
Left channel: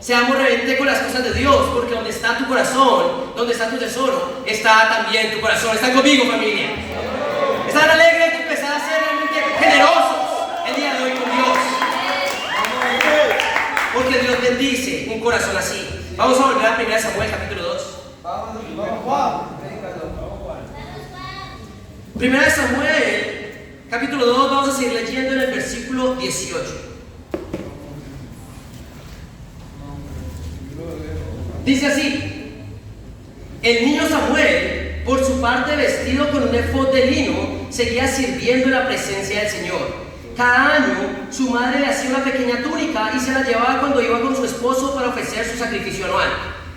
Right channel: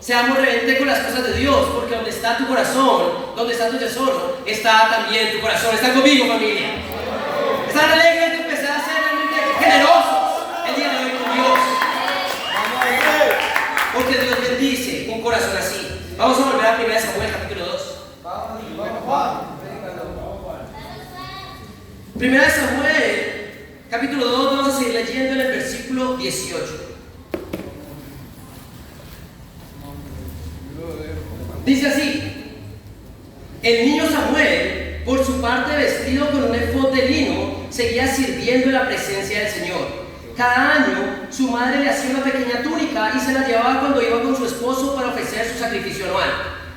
Seamos reverentes con las cosas de Dios, porque donde está tu corazón, donde está tu tesoro, está también tu corazón. ¿Están conmigo, familia? ¿Están alegres de empezar a ser realmente generosos el día de hoy con Dios? Porque Dios bendice un corazón así. Vamos a volver a 1 Samuel capítulo 2. 1 Samuel capítulo 2, vamos a seguir leyendo en el versículo 18. Dice así: el niño Samuel, por su parte vestido con un efod de lino, seguía sirviendo en la presencia del Señor. Cada año su madre le hacía una pequeña túnica y se la llevaba cuando iba con su esposo para ofrecer su sacrificio anual.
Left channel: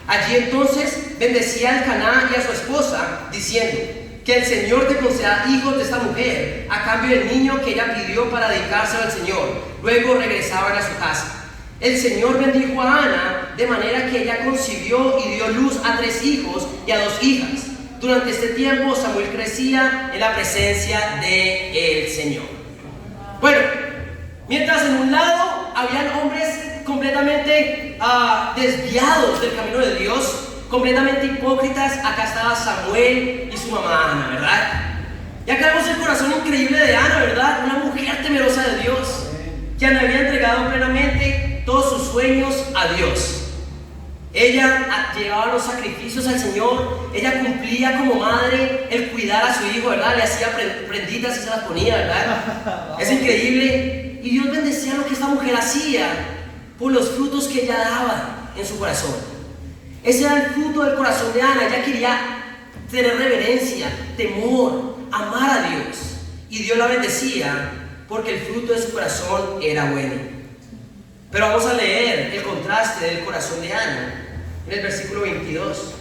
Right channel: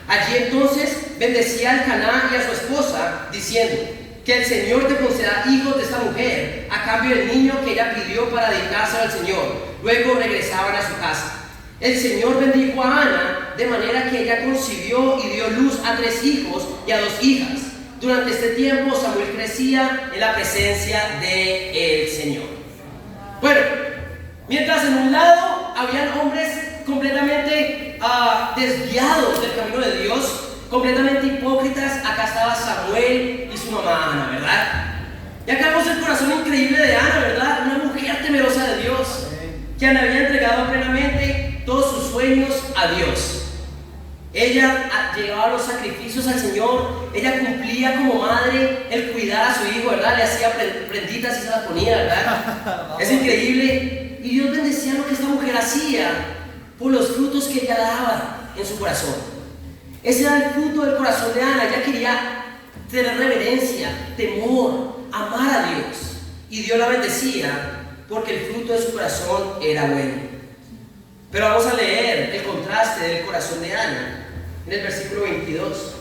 Allí entonces bendecía al Caná y a su esposa, diciendo: que el Señor te conceda hijos de esta mujer a cambio del niño que ella pidió para dedicárselo al Señor. Luego regresaban a su casa. El Señor bendijo a Ana de manera que ella concibió y dio luz a 3 hijos y a 2 hijas. Durante este tiempo Samuel crecía en la presencia del Señor. Bueno, mientras en un lado habían hombres completamente desviados del camino de Dios, completamente hipócritas, acá estaba Samuel y su mamá Ana, ¿verdad? Y acá vemos el corazón increíble de Ana, ¿verdad? Una mujer temerosa de Dios, que le había entregado plenamente todos sus sueños a Dios. Ella llevaba los sacrificios al Señor, ella cumplía como madre el cuidar a su hijo, ¿verdad? Le hacía prenditas y se las ponía, ¿verdad? Es increíble. Y Dios bendecía lo que esta mujer hacía por los frutos que ella daba en su corazón. Ese era el fruto del corazón de Ana. Ella quería tener reverencia, temor, amar a Dios. y Dios la bendecía porque el fruto de su corazón era bueno. Pero vamos a leer el contraste del corazón de Ana en el versículo 22.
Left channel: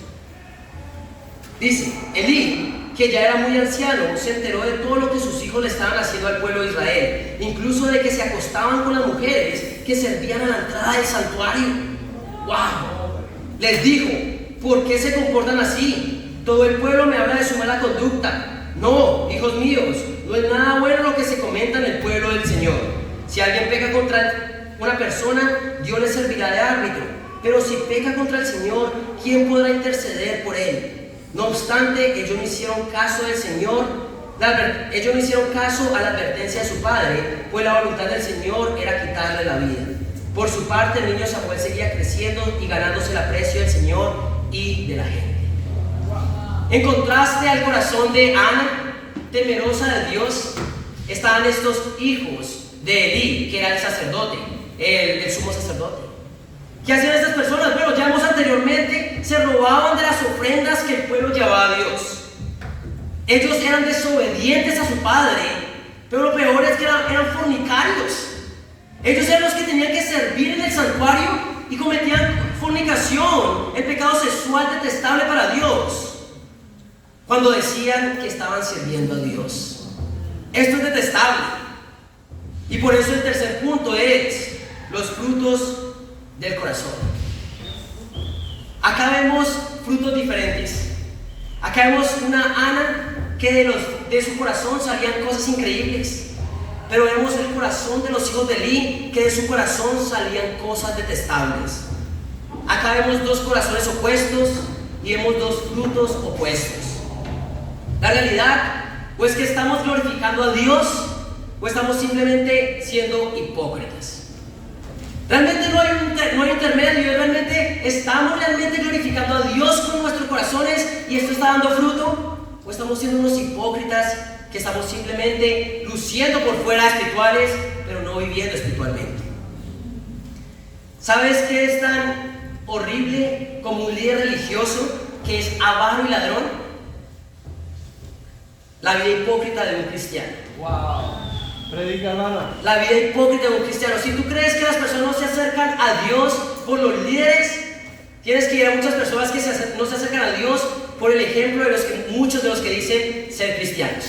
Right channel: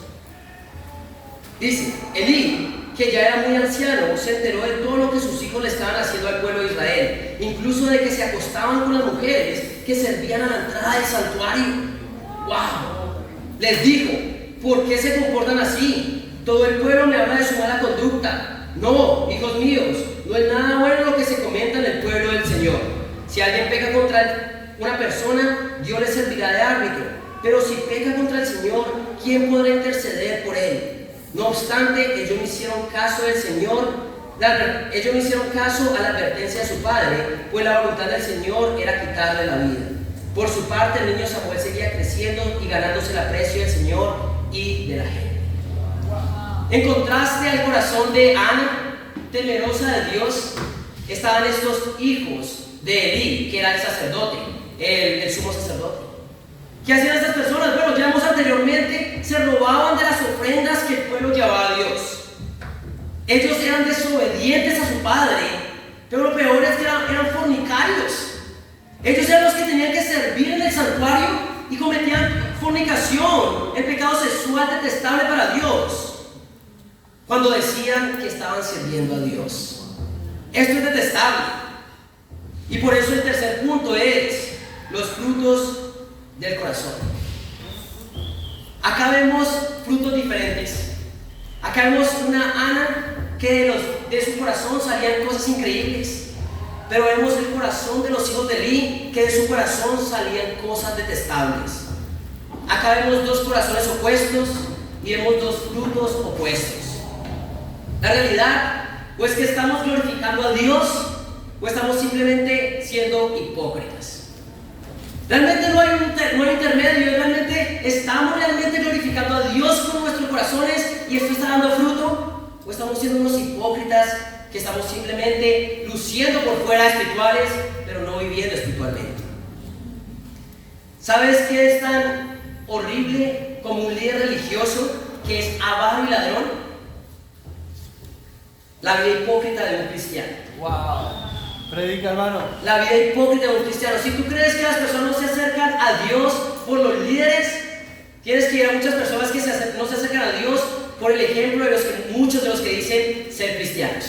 Dice: Elí, que ya era muy anciano, se enteró de todo lo que sus hijos le estaban haciendo al pueblo de Israel, incluso de que se acostaban con las mujeres que servían a la entrada del santuario. ¡Wow! Les dijo: ¿por qué se comportan así? Todo el pueblo me habla de su mala conducta. No, hijos míos, no es nada bueno lo que se comenta en el pueblo del Señor. Si alguien peca contra una persona, Dios le servirá de árbitro. Pero si peca contra el Señor, ¿quién podrá interceder por él? No obstante, ellos no hicieron caso del Señor, ellos no hicieron caso a la advertencia de su padre, pues la voluntad del Señor era quitarle la vida. Por su parte, el niño Samuel seguía creciendo y ganándose el aprecio del Señor y de la gente. En contraste al corazón de Ana, temerosa de Dios, estaban estos hijos de Elí, que era el sacerdote, el sumo sacerdote. ¿Qué hacían estas personas? Bueno, ya vimos anteriormente, se robaban de las ofrendas que el pueblo llevaba a Dios. Ellos eran desobedientes a su padre, pero lo peor es que eran fornicarios. Ellos eran los que tenían que servir en el santuario y cometían fornicación, el pecado sexual detestable para Dios, cuando decían que estaban sirviendo a Dios. Esto es detestable. Y por eso el tercer punto es los frutos del corazón. Acá vemos frutos diferentes. Acá vemos una Ana que de su corazón salían cosas increíbles, pero vemos el corazón de los hijos de Elí, que de su corazón salían cosas detestables. Acá vemos dos corazones opuestos y vemos dos frutos opuestos. La realidad, o es que estamos glorificando a Dios, o estamos simplemente siendo hipócritas. Realmente no hay intermedio. Realmente estamos glorificando a Dios con nuestros corazones y esto está dando fruto, o estamos siendo unos hipócritas que estamos simplemente luciendo por fuera espirituales, pero no viviendo espiritualmente. ¿Sabes qué es tan horrible como un líder religioso que es avaro y ladrón? La vida hipócrita de un cristiano. Wow. Predica, hermano. La vida hipócrita de un cristiano. Si tú crees que las personas no se acercan a Dios por los líderes, tienes que ir a muchas personas que no se acercan a Dios por el ejemplo de muchos de los que dicen ser cristianos.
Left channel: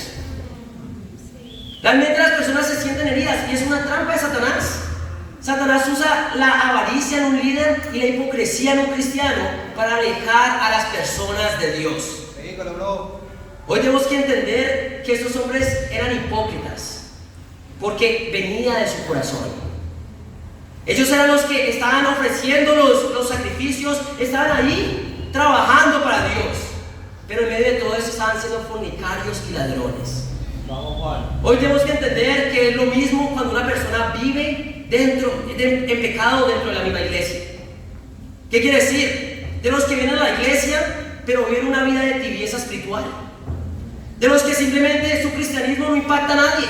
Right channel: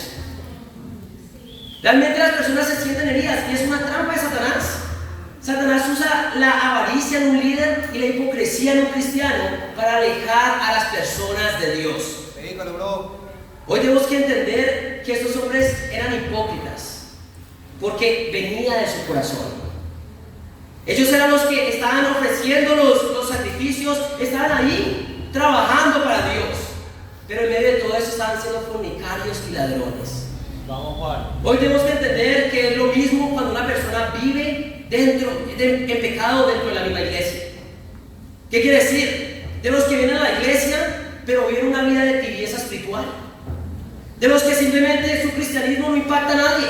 Realmente las personas se sienten heridas y es una trampa de Satanás. Satanás usa la avaricia en un líder y la hipocresía en un cristiano para alejar a las personas de Dios. Predícalo, bro. Hoy tenemos que entender que estos hombres eran hipócritas porque venía de su corazón. Ellos eran los que estaban ofreciendo los sacrificios, estaban ahí trabajando para Dios, pero en medio de todo eso estaban siendo fornicarios y ladrones. Hoy tenemos que entender que es lo mismo cuando una persona vive en pecado dentro de la misma iglesia. ¿Qué quiere decir? De los que vienen a la iglesia pero viven una vida de tibieza espiritual, de los que simplemente su cristianismo no impacta a nadie,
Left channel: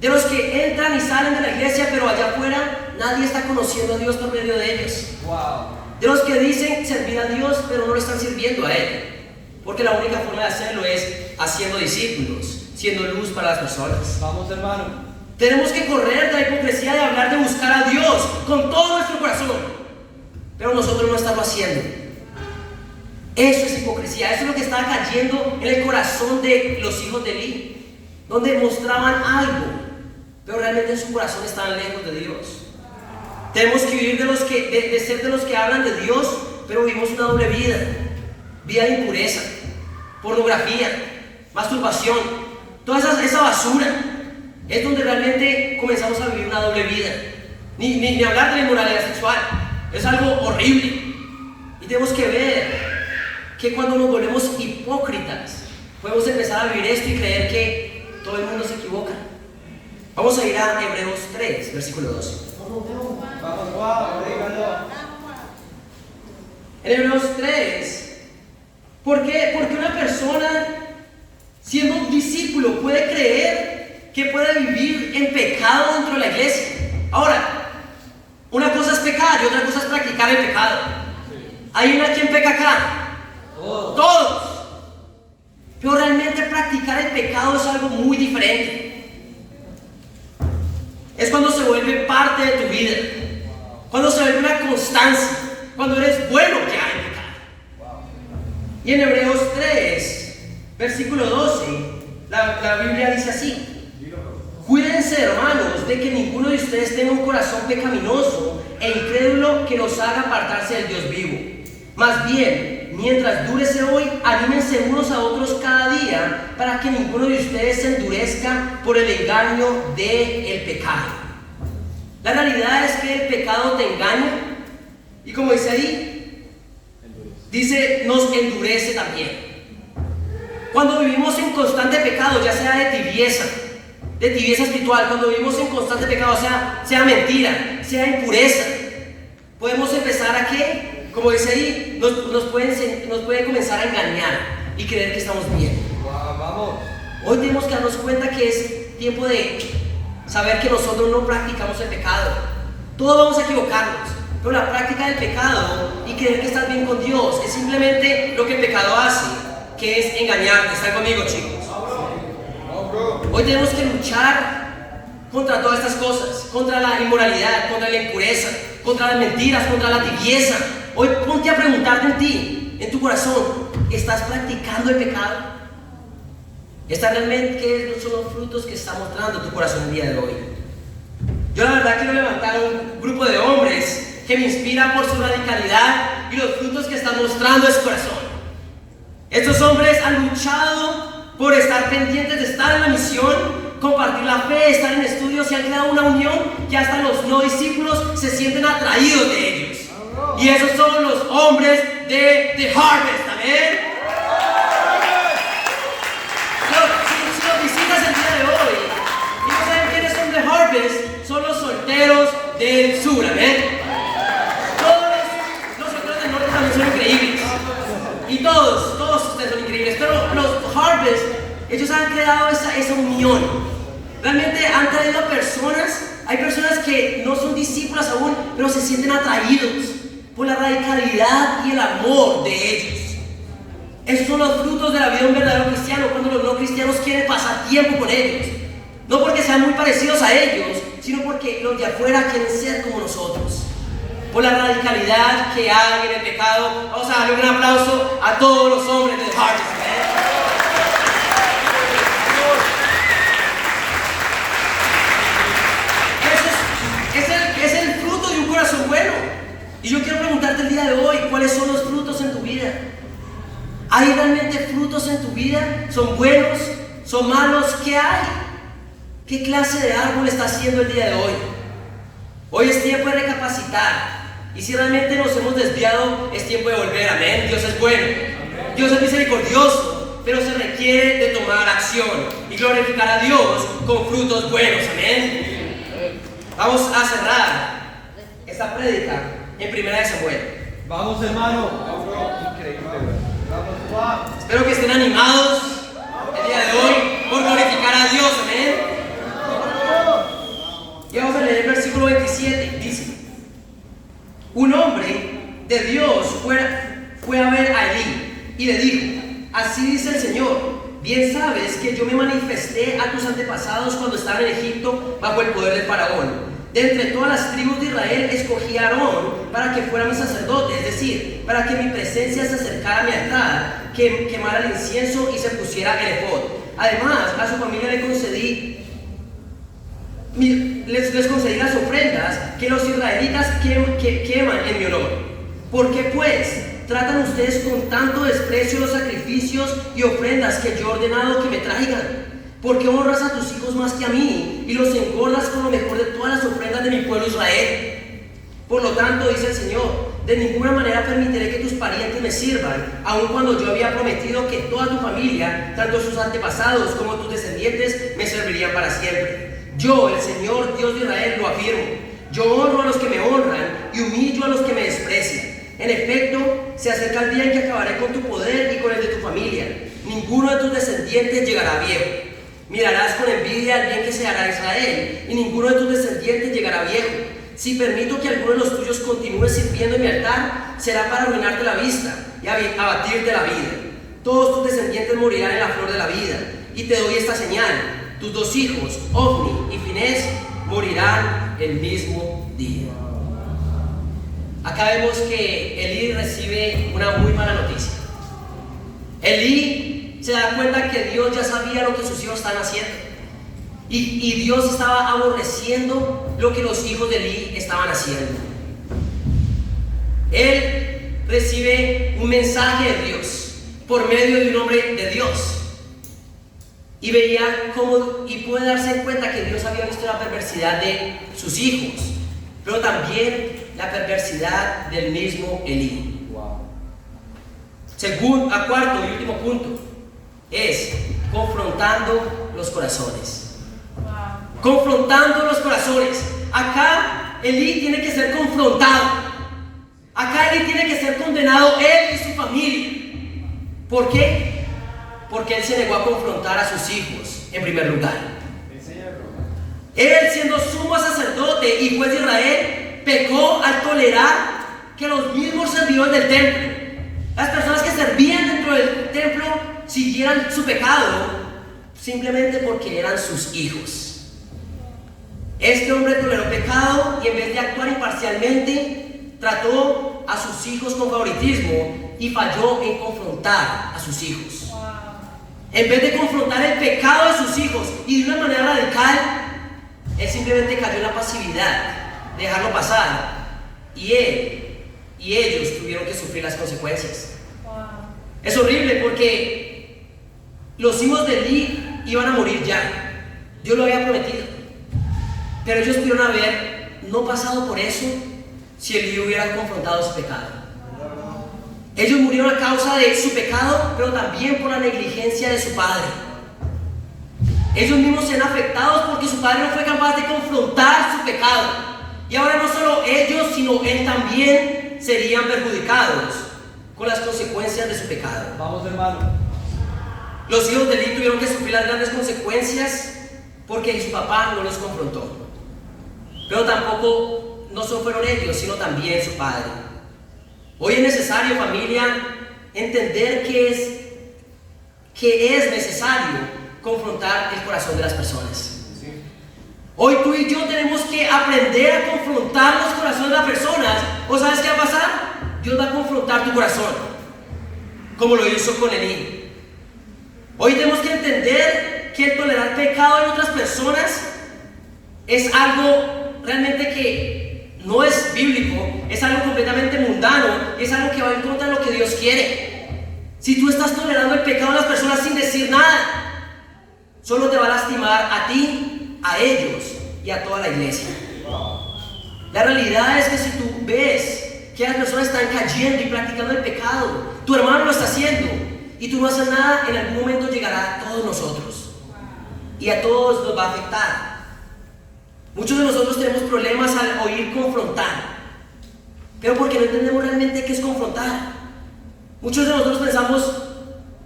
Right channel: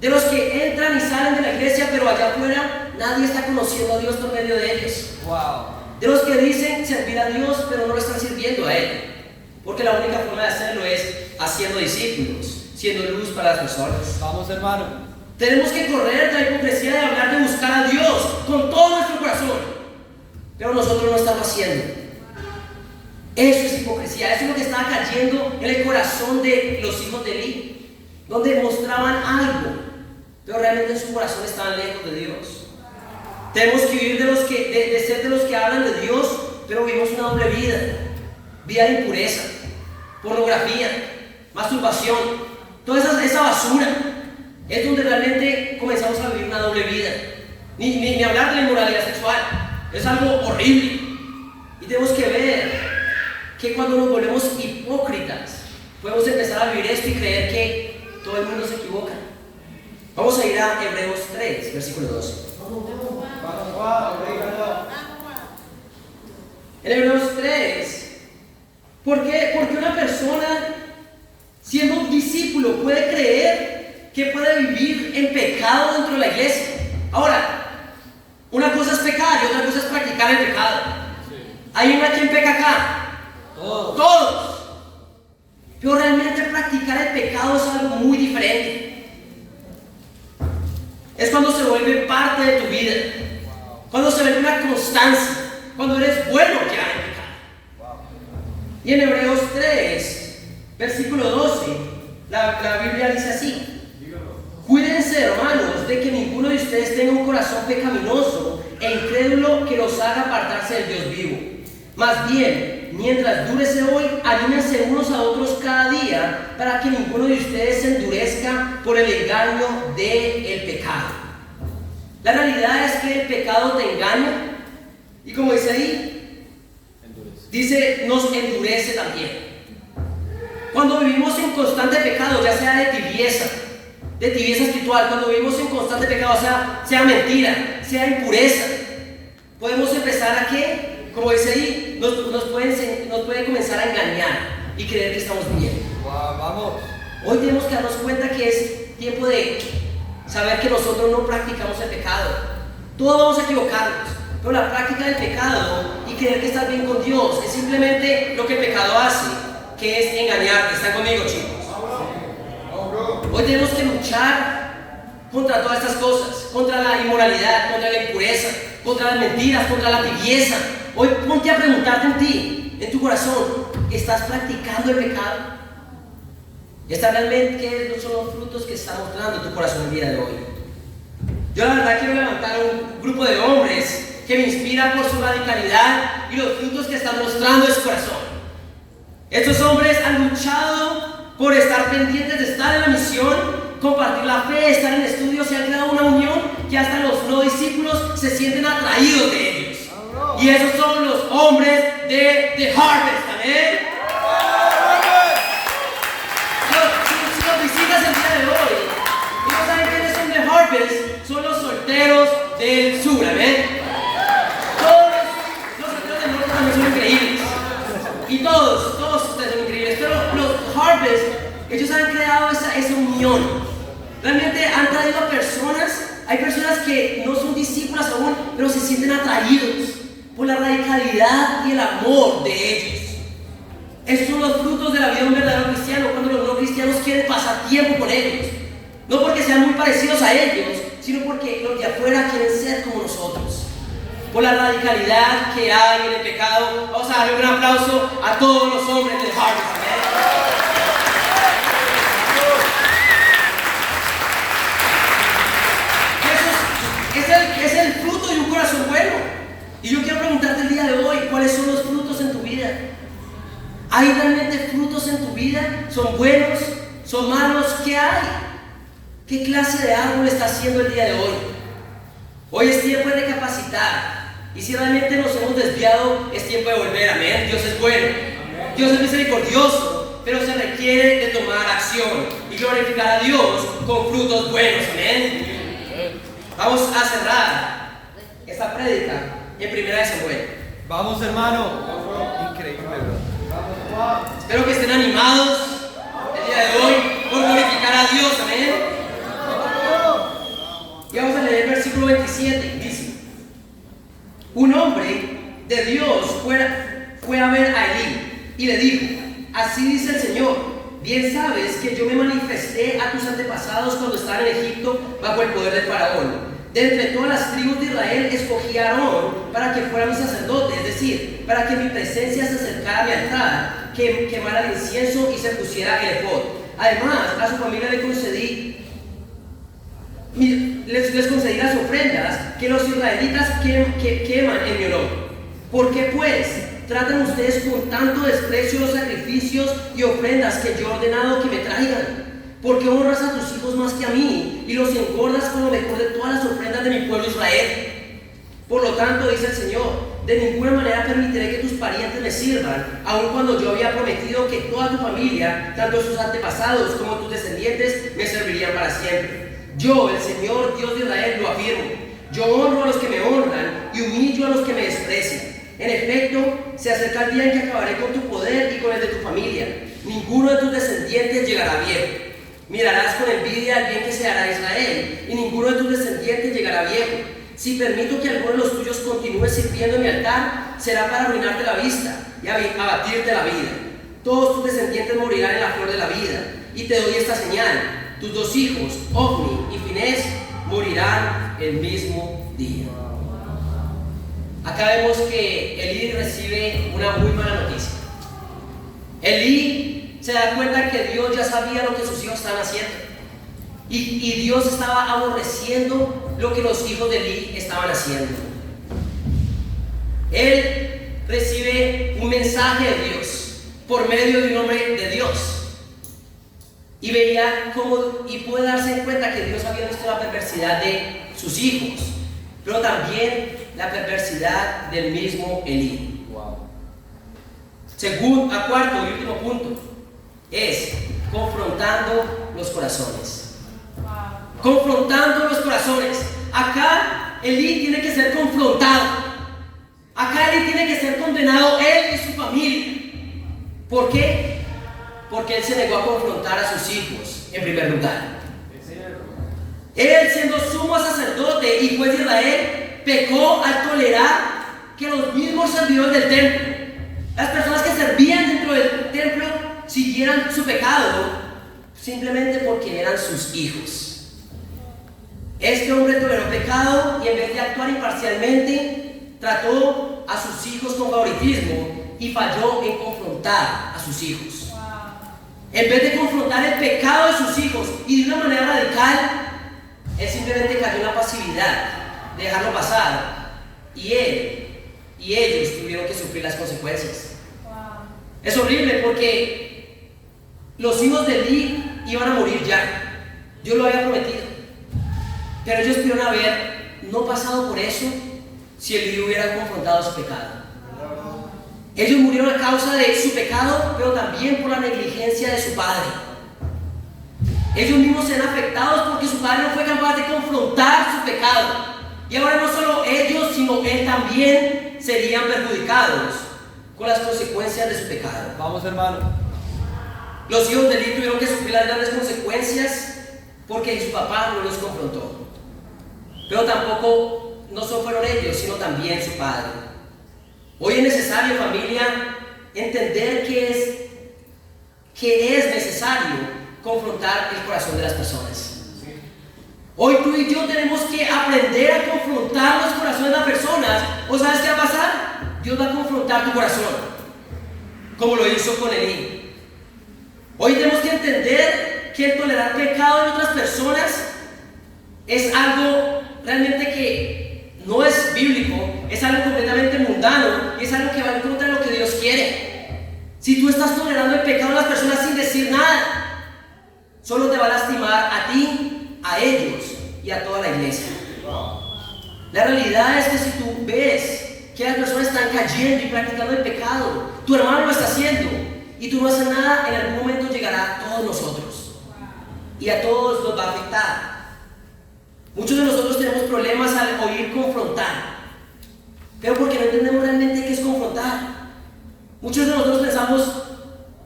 de los que entran y salen de la iglesia pero allá afuera nadie está conociendo a Dios por medio de ellos. De los que dicen servir a Dios pero no lo están sirviendo a Él, porque la única forma de hacerlo es haciendo discípulos, siendo luz para las personas. Vamos, hermano. Tenemos que correr de la hipocresía de hablar de buscar a Dios con todo nuestro corazón, pero nosotros no lo estamos haciendo. Eso es hipocresía. Eso es lo que estaba cayendo en el corazón de los hijos de Elí, donde mostraban algo, pero realmente en su corazón estaban lejos de Dios. Tenemos que vivir de ser de los que hablan de Dios, pero vivimos una doble vida de impureza, pornografía, masturbación, toda esa basura. Es donde realmente comenzamos a vivir una doble vida. Ni hablar de la inmoralidad sexual. Es algo horrible. Y tenemos que ver que cuando nos volvemos hipócritas, podemos empezar a vivir esto y creer que todo el mundo se equivoca. Vamos a ir a Hebreos 3, versículo 2. En Hebreos 3, ¿por qué una persona siendo un discípulo puede creer que puede vivir en pecado dentro de la iglesia? Ahora, una cosa es pecar y otra cosa es practicar el pecado. ¿Hay una quien peca acá? Todos. Pero realmente practicar el pecado es algo muy diferente. Es cuando se vuelve parte de tu vida, cuando se vuelve una constancia, cuando eres bueno que hay pecado. Y en Hebreos 3, versículo 12, la Biblia dice así: cuídense, hermanos, de que ninguno de ustedes tenga un corazón pecaminoso e incrédulo que los haga apartarse del Dios vivo. Más bien, mientras dure ese hoy, anímense unos a otros cada día para que ninguno de ustedes se endurezca por el engaño del pecado. La realidad es que el pecado te engaña y, como dice ahí, dice, nos endurece también. Cuando vivimos en constante pecado, ya sea de tibieza espiritual, cuando vivimos en constante pecado, sea mentira, sea impureza, podemos empezar a ¿qué? Como dice ahí, nos puede comenzar a engañar y creer que estamos bien. Hoy tenemos que darnos cuenta que es tiempo de saber que nosotros no practicamos el pecado. Todos vamos a equivocarnos, pero la práctica del pecado y creer que estás bien con Dios es simplemente lo que el pecado hace, que es engañarte. ¿Están conmigo, chicos? Hoy tenemos que luchar contra todas estas cosas, contra la inmoralidad, contra la impureza, contra las mentiras, contra la tibieza. Hoy ponte a preguntarte en ti, en tu corazón, ¿estás practicando el pecado? ¿Está realmente qué son los frutos que está mostrando tu corazón el día de hoy? Yo la verdad quiero levantar un grupo de hombres que me inspiran por su radicalidad y los frutos que está mostrando en su corazón. Estos hombres han luchado por estar pendientes de estar en la misión, compartir la fe, estar en estudios y han creado una unión que hasta los no discípulos se sienten atraídos de ellos. Y esos son los hombres de The Harvest, ¿amén? Si los visitas el día de hoy y no saben quiénes son The Harvest, son los solteros del sur, ¿amén? Todos los solteros del norte también son increíbles. Y todos ustedes son increíbles, pero los Harvest, ellos han creado esa unión. Realmente han traído a personas, hay personas que no son discípulas aún, pero se sienten atraídos por la radicalidad y el amor de ellos. Esos son los frutos de la vida de un verdadero cristiano, cuando los no cristianos quieren pasar tiempo con ellos. No porque sean muy parecidos a ellos, sino porque los de afuera quieren ser como nosotros. Por la radicalidad que hay en el pecado. Vamos a darle un aplauso a todos los hombres de Harvest. Es el fruto de un corazón bueno. Y yo quiero preguntarte el día de hoy, ¿cuáles son los frutos en tu vida? ¿Hay realmente frutos en tu vida? ¿Son buenos? ¿Son malos? ¿Qué hay? ¿Qué clase de árbol está haciendo el día de hoy? Hoy es tiempo de recapacitar. Y si realmente nos hemos desviado, es tiempo de volver. Amén. Dios es bueno. Dios es misericordioso, pero se requiere de tomar acción y glorificar a Dios con frutos buenos. Amén. Vamos a cerrar esta prédica en 1 Samuel. Vamos, hermano. Increíble. Espero que estén animados el día de hoy por glorificar a Dios. Amén. Y vamos a leer el versículo 27. Dice: un hombre de Dios fue a ver a Elí y le dijo: así dice el Señor, bien sabes que yo me manifesté a tus antepasados cuando estaba en Egipto bajo el poder del faraón. De entre todas las tribus de Israel escogí a Aarón para que fuera mi sacerdote, es decir, para que mi presencia se acercara a mi altar, que quemara el incienso y se pusiera el efod. Además, a su familia les concedí las ofrendas que los israelitas queman en mi honor. ¿Por qué pues tratan ustedes con tanto desprecio los sacrificios y ofrendas que yo he ordenado que me traigan? ¿Por qué honras a tus hijos más que a mí y los engordas con lo mejor de todas las ofrendas de mi pueblo Israel? Por lo tanto, dice el Señor, de ninguna manera permitiré que tus parientes me sirvan, aun cuando yo había prometido que toda tu familia, tanto sus antepasados como tus descendientes, me servirían para siempre. Yo, el Señor, Dios de Israel, lo afirmo. Yo honro a los que me honran y humillo a los que me desprecian. En efecto, se acerca el día en que acabaré con tu poder y con el de tu familia. Ninguno de tus descendientes llegará viejo. Mirarás con envidia el bien que se hará a Israel, y ninguno de tus descendientes llegará viejo. Si permito que alguno de los tuyos continúe sirviendo en mi altar, será para arruinarte la vista y abatirte la vida. Todos tus descendientes morirán en la flor de la vida. Y te doy esta señal: tus dos hijos, Ofni y Finés, morirán el mismo día. Acá vemos que Elí recibe una muy mala noticia. Elí se da cuenta que Dios ya sabía lo que sus hijos estaban haciendo. Y Dios estaba aborreciendo lo que los hijos de Elí estaban haciendo. Él recibe un mensaje de Dios por medio de un hombre de Dios. Y veía cómo, y puede darse cuenta que Dios había visto la perversidad de sus hijos, pero también la perversidad del mismo Elí. Cuarto y último punto es confrontando los corazones. Confrontando los corazones. Acá Elí tiene que ser confrontado. Acá Elí tiene que ser condenado, él y su familia. ¿Por qué? Porque él se negó a confrontar a sus hijos en primer lugar. Él, siendo sumo sacerdote y juez de Israel, pecó al tolerar que los mismos servidores del templo, las personas que servían dentro del templo, siguieran su pecado simplemente porque eran sus hijos. Este hombre toleró pecado y en vez de actuar imparcialmente, trató a sus hijos con favoritismo y falló en confrontar a sus hijos. En vez de confrontar el pecado de sus hijos y de una manera radical, él simplemente cayó en la pasividad, dejarlo pasar, y ellos tuvieron que sufrir las consecuencias. Es horrible porque los hijos de Elí iban a morir ya. Dios lo había prometido, pero ellos pudieron haber no pasado por eso si Elí hubiera confrontado su pecado. Ellos murieron a causa de su pecado, pero también por la negligencia de su padre. Ellos mismos se ven afectados porque su padre no fue capaz de confrontar su pecado. Y ahora no solo ellos, sino él también serían perjudicados con las consecuencias de su pecado. Vamos, hermano. Los hijos de Elí tuvieron que sufrir las grandes consecuencias porque su papá no los confrontó. Pero tampoco no solo fueron ellos, sino también su padre. Hoy es necesario, familia, entender que es necesario confrontar el corazón de las personas. Hoy tú y yo tenemos que aprender a confrontar los corazones de las personas. ¿O sabes qué va a pasar? Dios va a confrontar tu corazón, como lo hizo con Elí. Hoy tenemos que entender que el tolerar pecado en otras personas es algo realmente que no es bíblico, es algo completamente mundano y es algo que va en contra de lo que Dios quiere. Si tú estás tolerando el pecado de las personas sin decir nada, solo te va a lastimar a ti, a ellos y a toda la iglesia. La realidad es que si tú ves que las personas están cayendo y practicando el pecado, tu hermano lo está haciendo y tú no haces nada, en algún momento llegará a todos nosotros y a todos nos va a afectar. Muchos de nosotros tenemos problemas al oír confrontar, pero porque no entendemos realmente qué es confrontar. Muchos de nosotros pensamos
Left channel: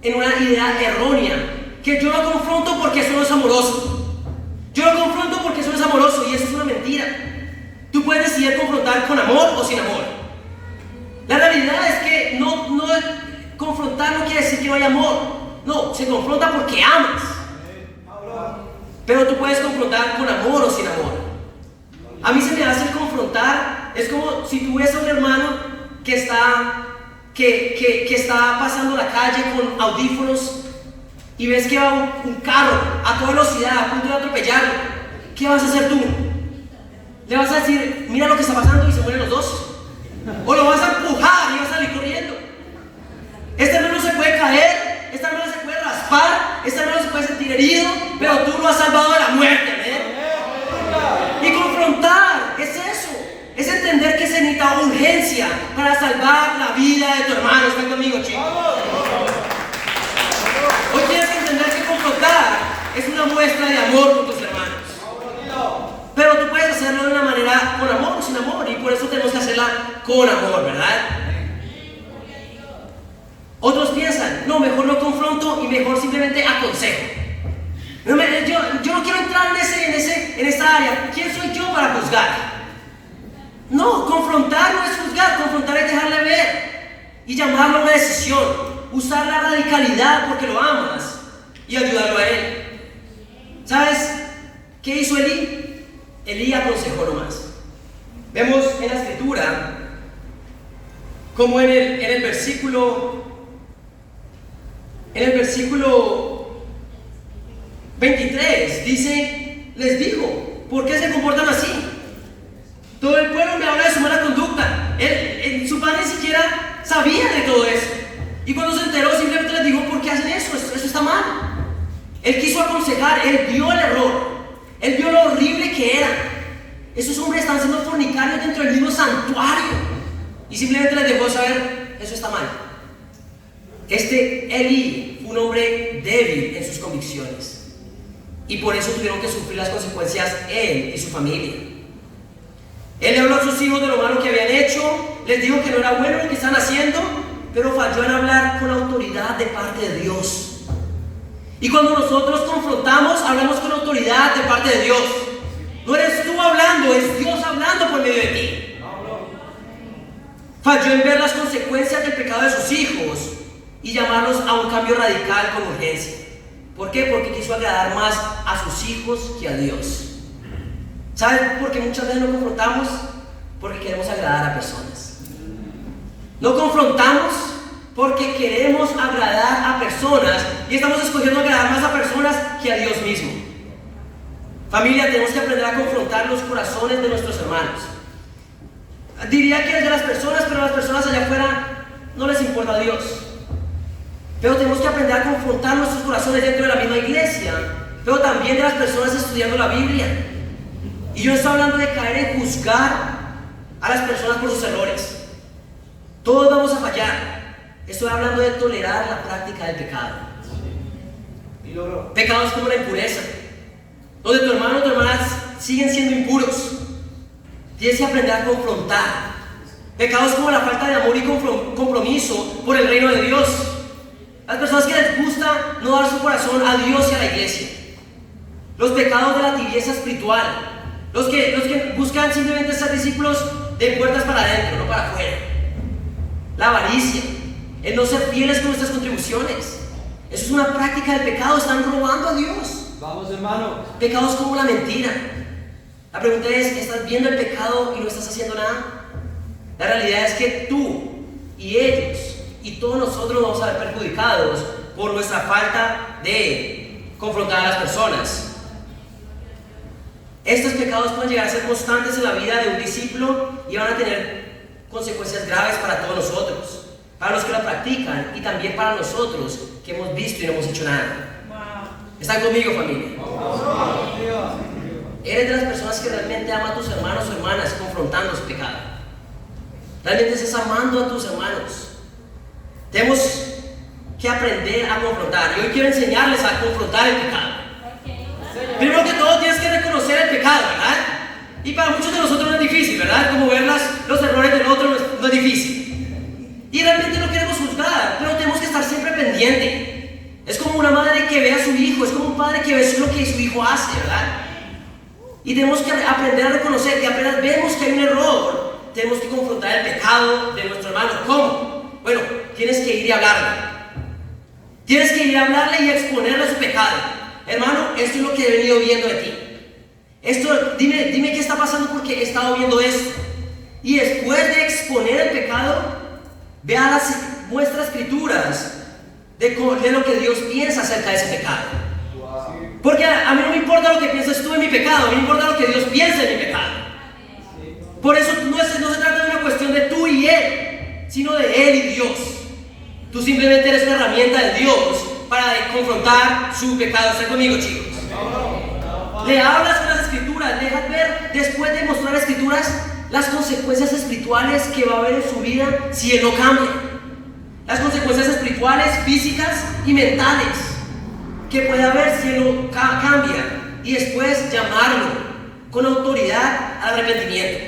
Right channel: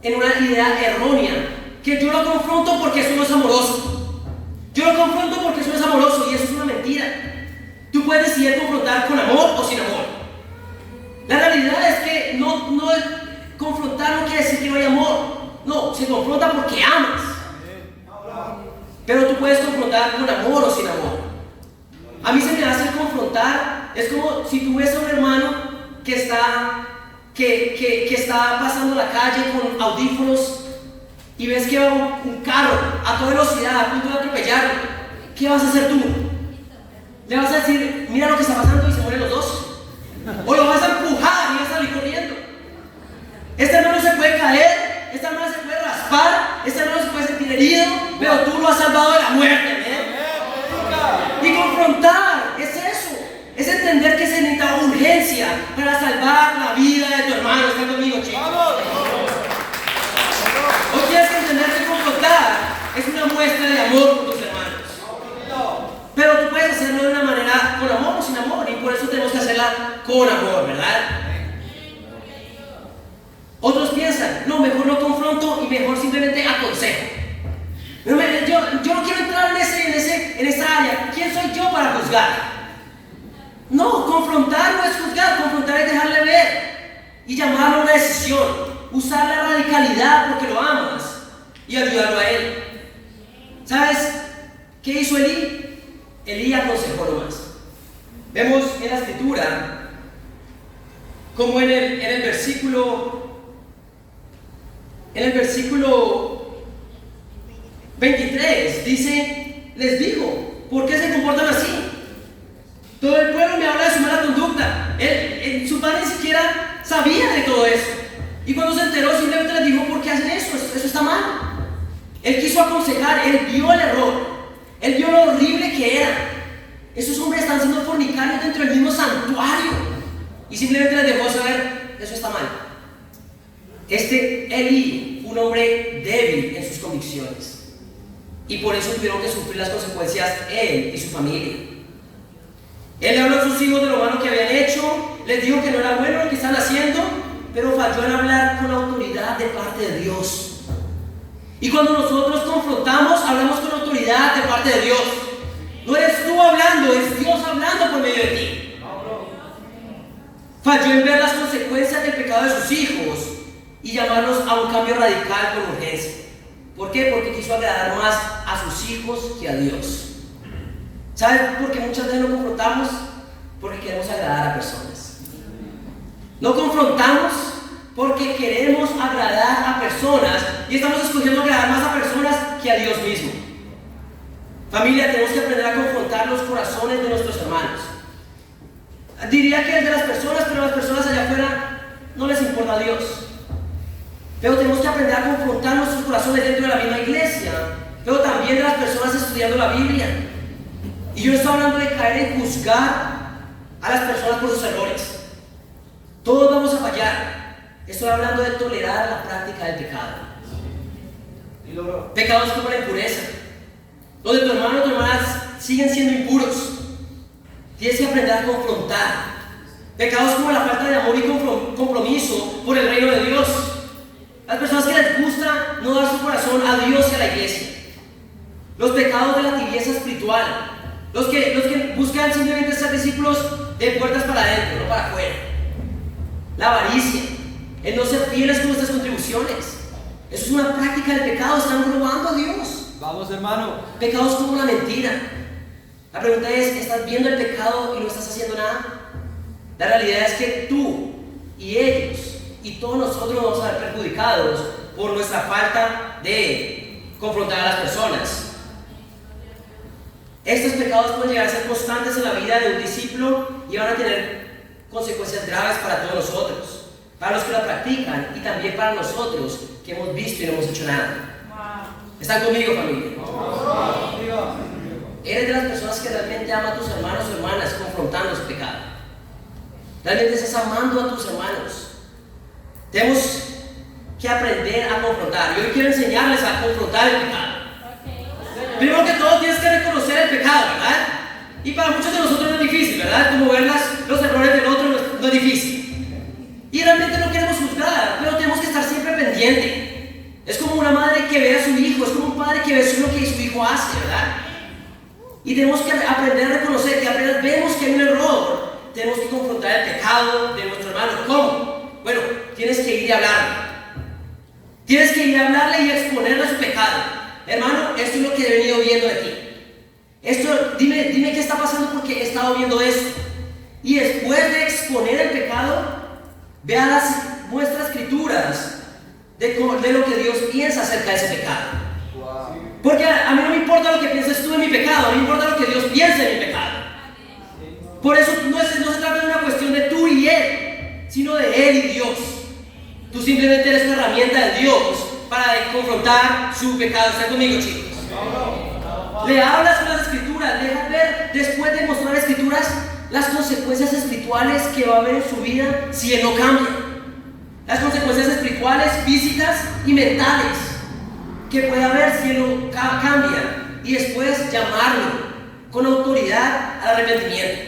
en una idea errónea, que yo lo confronto porque eso no es amoroso. Yo lo confronto porque eso no es amoroso, y eso es una mentira. Tú puedes decidir confrontar con amor o sin amor. La realidad es que no confrontar no quiere decir que no hay amor. No, se confronta porque amas. Pero tú puedes confrontar con amor o sin amor. A mí se me hace confrontar, es como si tú ves a un hermano que está pasando la calle con audífonos y ves que va un carro a toda velocidad a punto de atropellarlo. ¿Qué vas a hacer tú? ¿Le vas a decir, mira lo que está pasando y se mueren los dos? ¿O lo vas a empujar y vas a salir corriendo? Este hermano se puede caer, este hermano se puede raspar, este hermano se puede sentir herido, pero tú lo has salvado de la muerte, Y confrontar es eso, es entender que se necesita urgencia para salvar la vida de tu hermano. ¿Estás conmigo, chicos? Hoy tienes que entender que confrontar es una muestra de amor con tus hermanos. Pero tú puedes hacerlo de una manera con amor o sin amor, y por eso tenemos que hacerla con amor, ¿verdad? Otros piensan, no, mejor no confronto y mejor simplemente aconsejo. Yo no quiero entrar en esa área. ¿Quién soy yo para juzgar? No, confrontar no es juzgar, confrontar es dejarle ver y llamarlo a una decisión, usar la radicalidad porque lo amas y ayudarlo a él. ¿Sabes qué hizo Elí? Elí aconsejó nomás. Vemos en la escritura como en el versículo 23 dice, les dijo, ¿por qué se comportan así? Todo el pueblo me habla de su mala conducta. Su padre ni siquiera sabía de todo eso. Y cuando se enteró, simplemente les dijo, ¿por qué hacen eso? Eso está mal. Él quiso aconsejar, él vio el error, él vio lo horrible que era. Esos hombres están siendo fornicarios dentro del mismo santuario. Y simplemente les dejó saber, eso está mal. Elí fue un hombre débil en sus convicciones. Y por eso tuvieron que sufrir las consecuencias él y su familia. Él le habló a sus hijos de lo malo que habían hecho, les dijo que no era bueno lo que están haciendo, pero falló en hablar con autoridad de parte de Dios. Y cuando nosotros confrontamos, hablamos con autoridad de parte de Dios. No eres tú hablando, es Dios hablando por medio de ti. Falló en ver las consecuencias del pecado de sus hijos y llamarlos a un cambio radical con urgencia. ¿Por qué? Porque quiso agradar más a sus hijos que a Dios. ¿Saben por qué muchas veces no confrontamos? Porque queremos agradar a personas. No confrontamos porque queremos agradar a personas y estamos escogiendo agradar más a personas que a Dios mismo. Familia, tenemos que aprender a confrontar los corazones de nuestros hermanos. Diría que es de las personas, pero a las personas allá afuera no les importa a Dios. Pero tenemos que aprender a confrontar nuestros corazones dentro de la misma iglesia, pero también de las personas estudiando la Biblia. Y yo no estoy hablando de caer en juzgar a las personas por sus errores. Todos vamos a fallar. Estoy hablando de tolerar la práctica del pecado. Pecados como la impureza, donde tu hermano o tu hermana siguen siendo impuros. Tienes que aprender a confrontar. Pecados como la falta de amor y compromiso por el reino de Dios. Las personas que les gusta no dar su corazón a Dios y a la iglesia. Los pecados de la tibieza espiritual. Los que buscan simplemente ser discípulos de puertas para adentro, no para afuera. La avaricia, el no ser fieles con nuestras contribuciones. Eso es una práctica del pecado, están robando a Dios. Vamos, hermano. Pecados como la mentira. La pregunta es, ¿estás viendo el pecado y no estás haciendo nada? La realidad es que tú y ellos y todos nosotros vamos a ser perjudicados por nuestra falta de confrontar a las personas. Estos pecados pueden llegar a ser constantes en la vida de un discípulo y van a tener consecuencias graves para todos nosotros, para los que la practican y también para nosotros que hemos visto y no hemos hecho nada. ¿Están conmigo, familia? Eres de las personas que realmente ama a tus hermanos o hermanas confrontando su pecado. Realmente estás amando a tus hermanos. Tenemos que aprender a confrontar. Y hoy quiero enseñarles a confrontar el pecado. Primero que todo tienes que reconocer el pecado, ¿verdad? Y para muchos de nosotros no es difícil, ¿verdad? Como ver los errores del otro no es difícil. Y realmente no queremos juzgar, pero tenemos que estar siempre pendiente. Es como una madre que ve a su hijo, es como un padre que ve lo que su hijo hace, ¿verdad? Y tenemos que aprender a reconocer que apenas vemos que hay un error, tenemos que confrontar el pecado de nuestro hermano. ¿Cómo? Bueno, tienes que ir y hablarle. Tienes que ir a hablarle y exponerle su pecado. Hermano, esto es lo que he venido viendo de ti. Esto, dime qué está pasando porque he estado viendo esto. Y después de exponer el pecado, vea muestra escrituras de lo que Dios piensa acerca de ese pecado. Porque a mí no me importa lo que pienses tú de mi pecado, a mí me importa lo que Dios piensa de mi pecado. Por eso no se trata de una cuestión de tú y Él, sino de Él y Dios. Tú simplemente eres una herramienta de Dios para confrontar su pecado. ¿Están conmigo, chicos? Le hablas con las escrituras, dejas ver, después de mostrar escrituras, las consecuencias espirituales que va a haber en su vida si Él no cambia. Las consecuencias espirituales, físicas y mentales que puede haber si Él no cambia. Y después llamarlo con autoridad al arrepentimiento.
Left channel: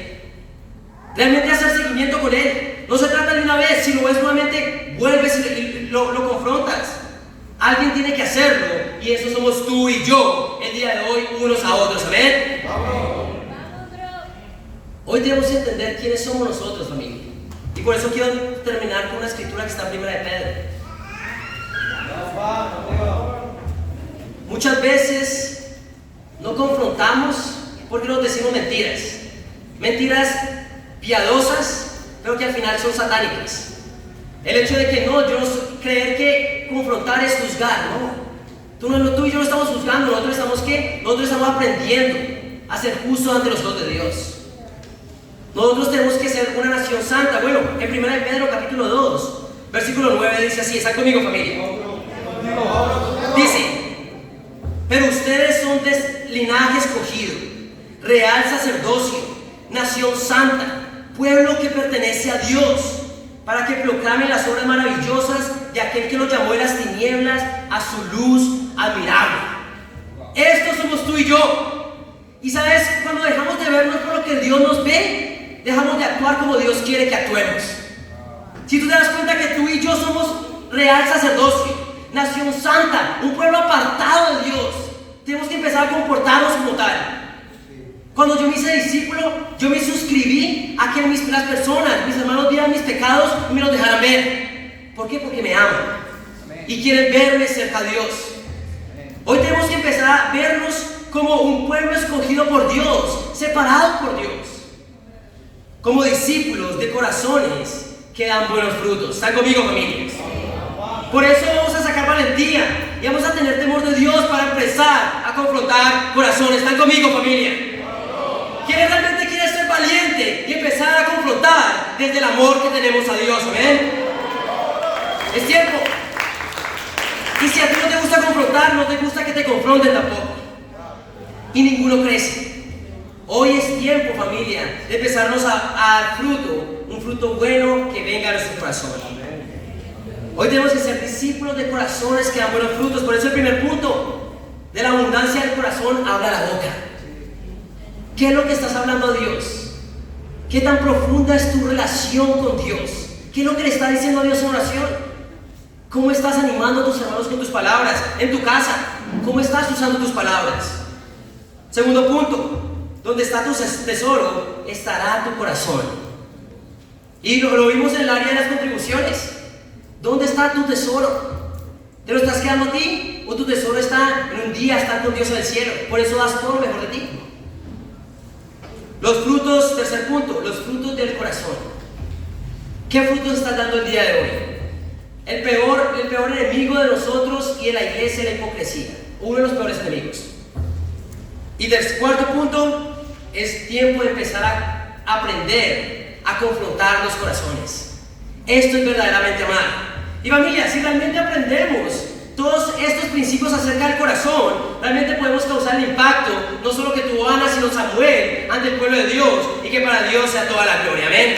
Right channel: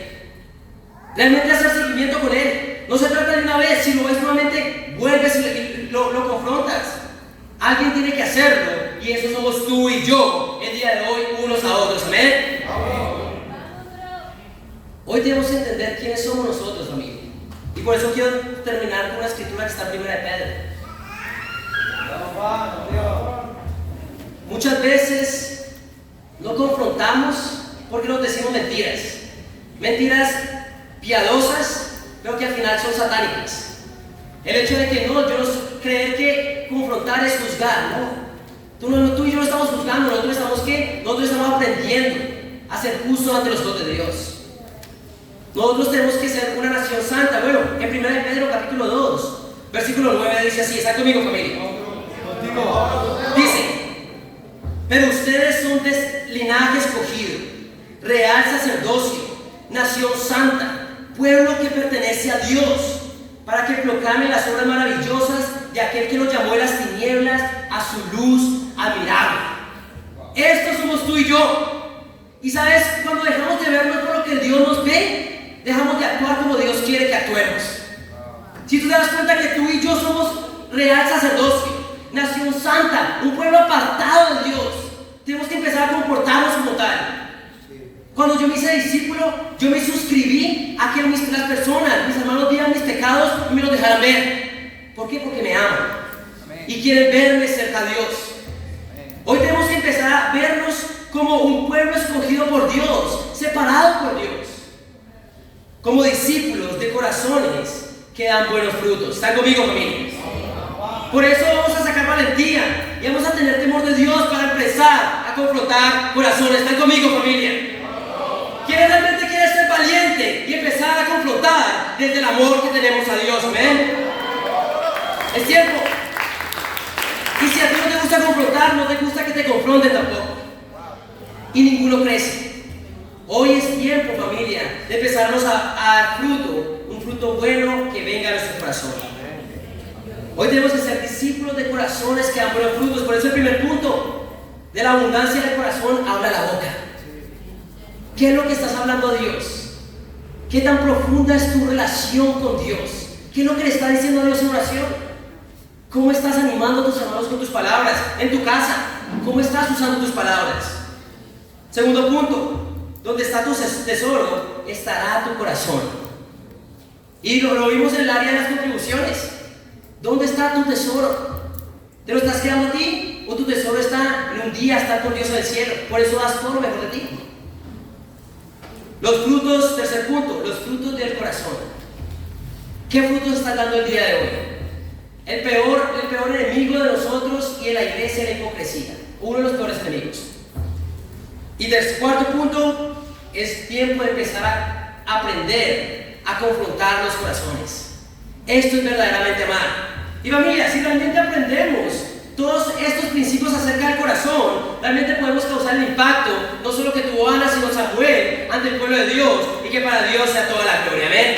Realmente hacer seguimiento con Él. No se trata de una vez, si lo ves nuevamente, vuelves y lo confrontas. Alguien tiene que hacerlo y eso somos tú y yo el día de hoy, unos a otros. ¿Amén? Hoy tenemos que entender quiénes somos nosotros, familia. Y por eso quiero terminar con una escritura que está en 1 de Pedro. Muchas veces no confrontamos porque nos decimos mentiras. Mentiras piadosas, pero que al final son satánicas. El hecho de que no, yo creer que confrontar es juzgar, no. Tú y yo no estamos juzgando, nosotros estamos ¿qué? Nosotros estamos aprendiendo a ser justos ante los ojos de Dios. Nosotros tenemos que ser una nación santa. Bueno, en 1 de Pedro capítulo 2, versículo 9 dice así, está conmigo familia. Dice, pero ustedes son de linaje escogido, real sacerdocio, nación santa, pueblo que pertenece a Dios, para que proclamen las obras maravillosas de aquel que los llamó de las tinieblas a su luz admirable. Estos somos tú y yo. Y sabes, cuando dejamos de vernos por lo que Dios nos ve, dejamos de actuar como Dios quiere que actuemos. Si tú te das cuenta que tú y yo somos real sacerdocio, nación santa, un pueblo apartado de Dios, tenemos que empezar a comportarnos como tal. Cuando yo me hice discípulo, yo me suscribí a que las personas, mis hermanos, vieran mis pecados y me los dejaran ver. ¿Por qué? Porque me aman y quieren verme cerca a Dios. Hoy tenemos que empezar a vernos como un pueblo escogido por Dios, separado por Dios, como discípulos de corazones que dan buenos frutos. ¿Están conmigo, familia? Por eso vamos a sacar valentía y vamos a tener temor de Dios para empezar a confrontar corazones. ¿Están conmigo, familia? ¿Quién realmente quiere ser valiente y empezar a confrontar desde el amor que tenemos a Dios? ¿Amén? Es tiempo. Y si a ti no te gusta confrontar, no te gusta que te confronten tampoco. Y ninguno crece. Hoy es tiempo, familia, de empezarnos a dar fruto, un fruto bueno que venga a nuestro corazón. Hoy tenemos que ser discípulos de corazones que dan buenos frutos. Por eso el primer punto, de la abundancia del corazón, habla la boca. ¿Qué es lo que estás hablando a Dios? ¿Qué tan profunda es tu relación con Dios? ¿Qué es lo que le está diciendo a Dios en oración? ¿Cómo estás animando a tus hermanos con tus palabras? En tu casa, ¿cómo estás usando tus palabras? Segundo punto, donde está tu tesoro, estará tu corazón. Y lo vimos en el área de las contribuciones. ¿Dónde está tu tesoro? ¿Te lo estás quedando a ti? ¿O tu tesoro está en un día, está con Dios en el cielo? Por eso das todo lo mejor de ti. Los frutos, tercer punto, los frutos del corazón. ¿Qué frutos estás dando el día de hoy? El peor enemigo de nosotros y de la iglesia es la hipocresía. Uno de los peores enemigos. Y el cuarto punto, es tiempo de empezar a aprender a confrontar los corazones. Esto es verdaderamente amar. Y familia, si realmente aprendemos todos estos principios acerca del corazón, realmente podemos causar el impacto, no solo que tuvo Ana, sino Samuel, ante el pueblo de Dios, y que para Dios sea toda la gloria. Amén.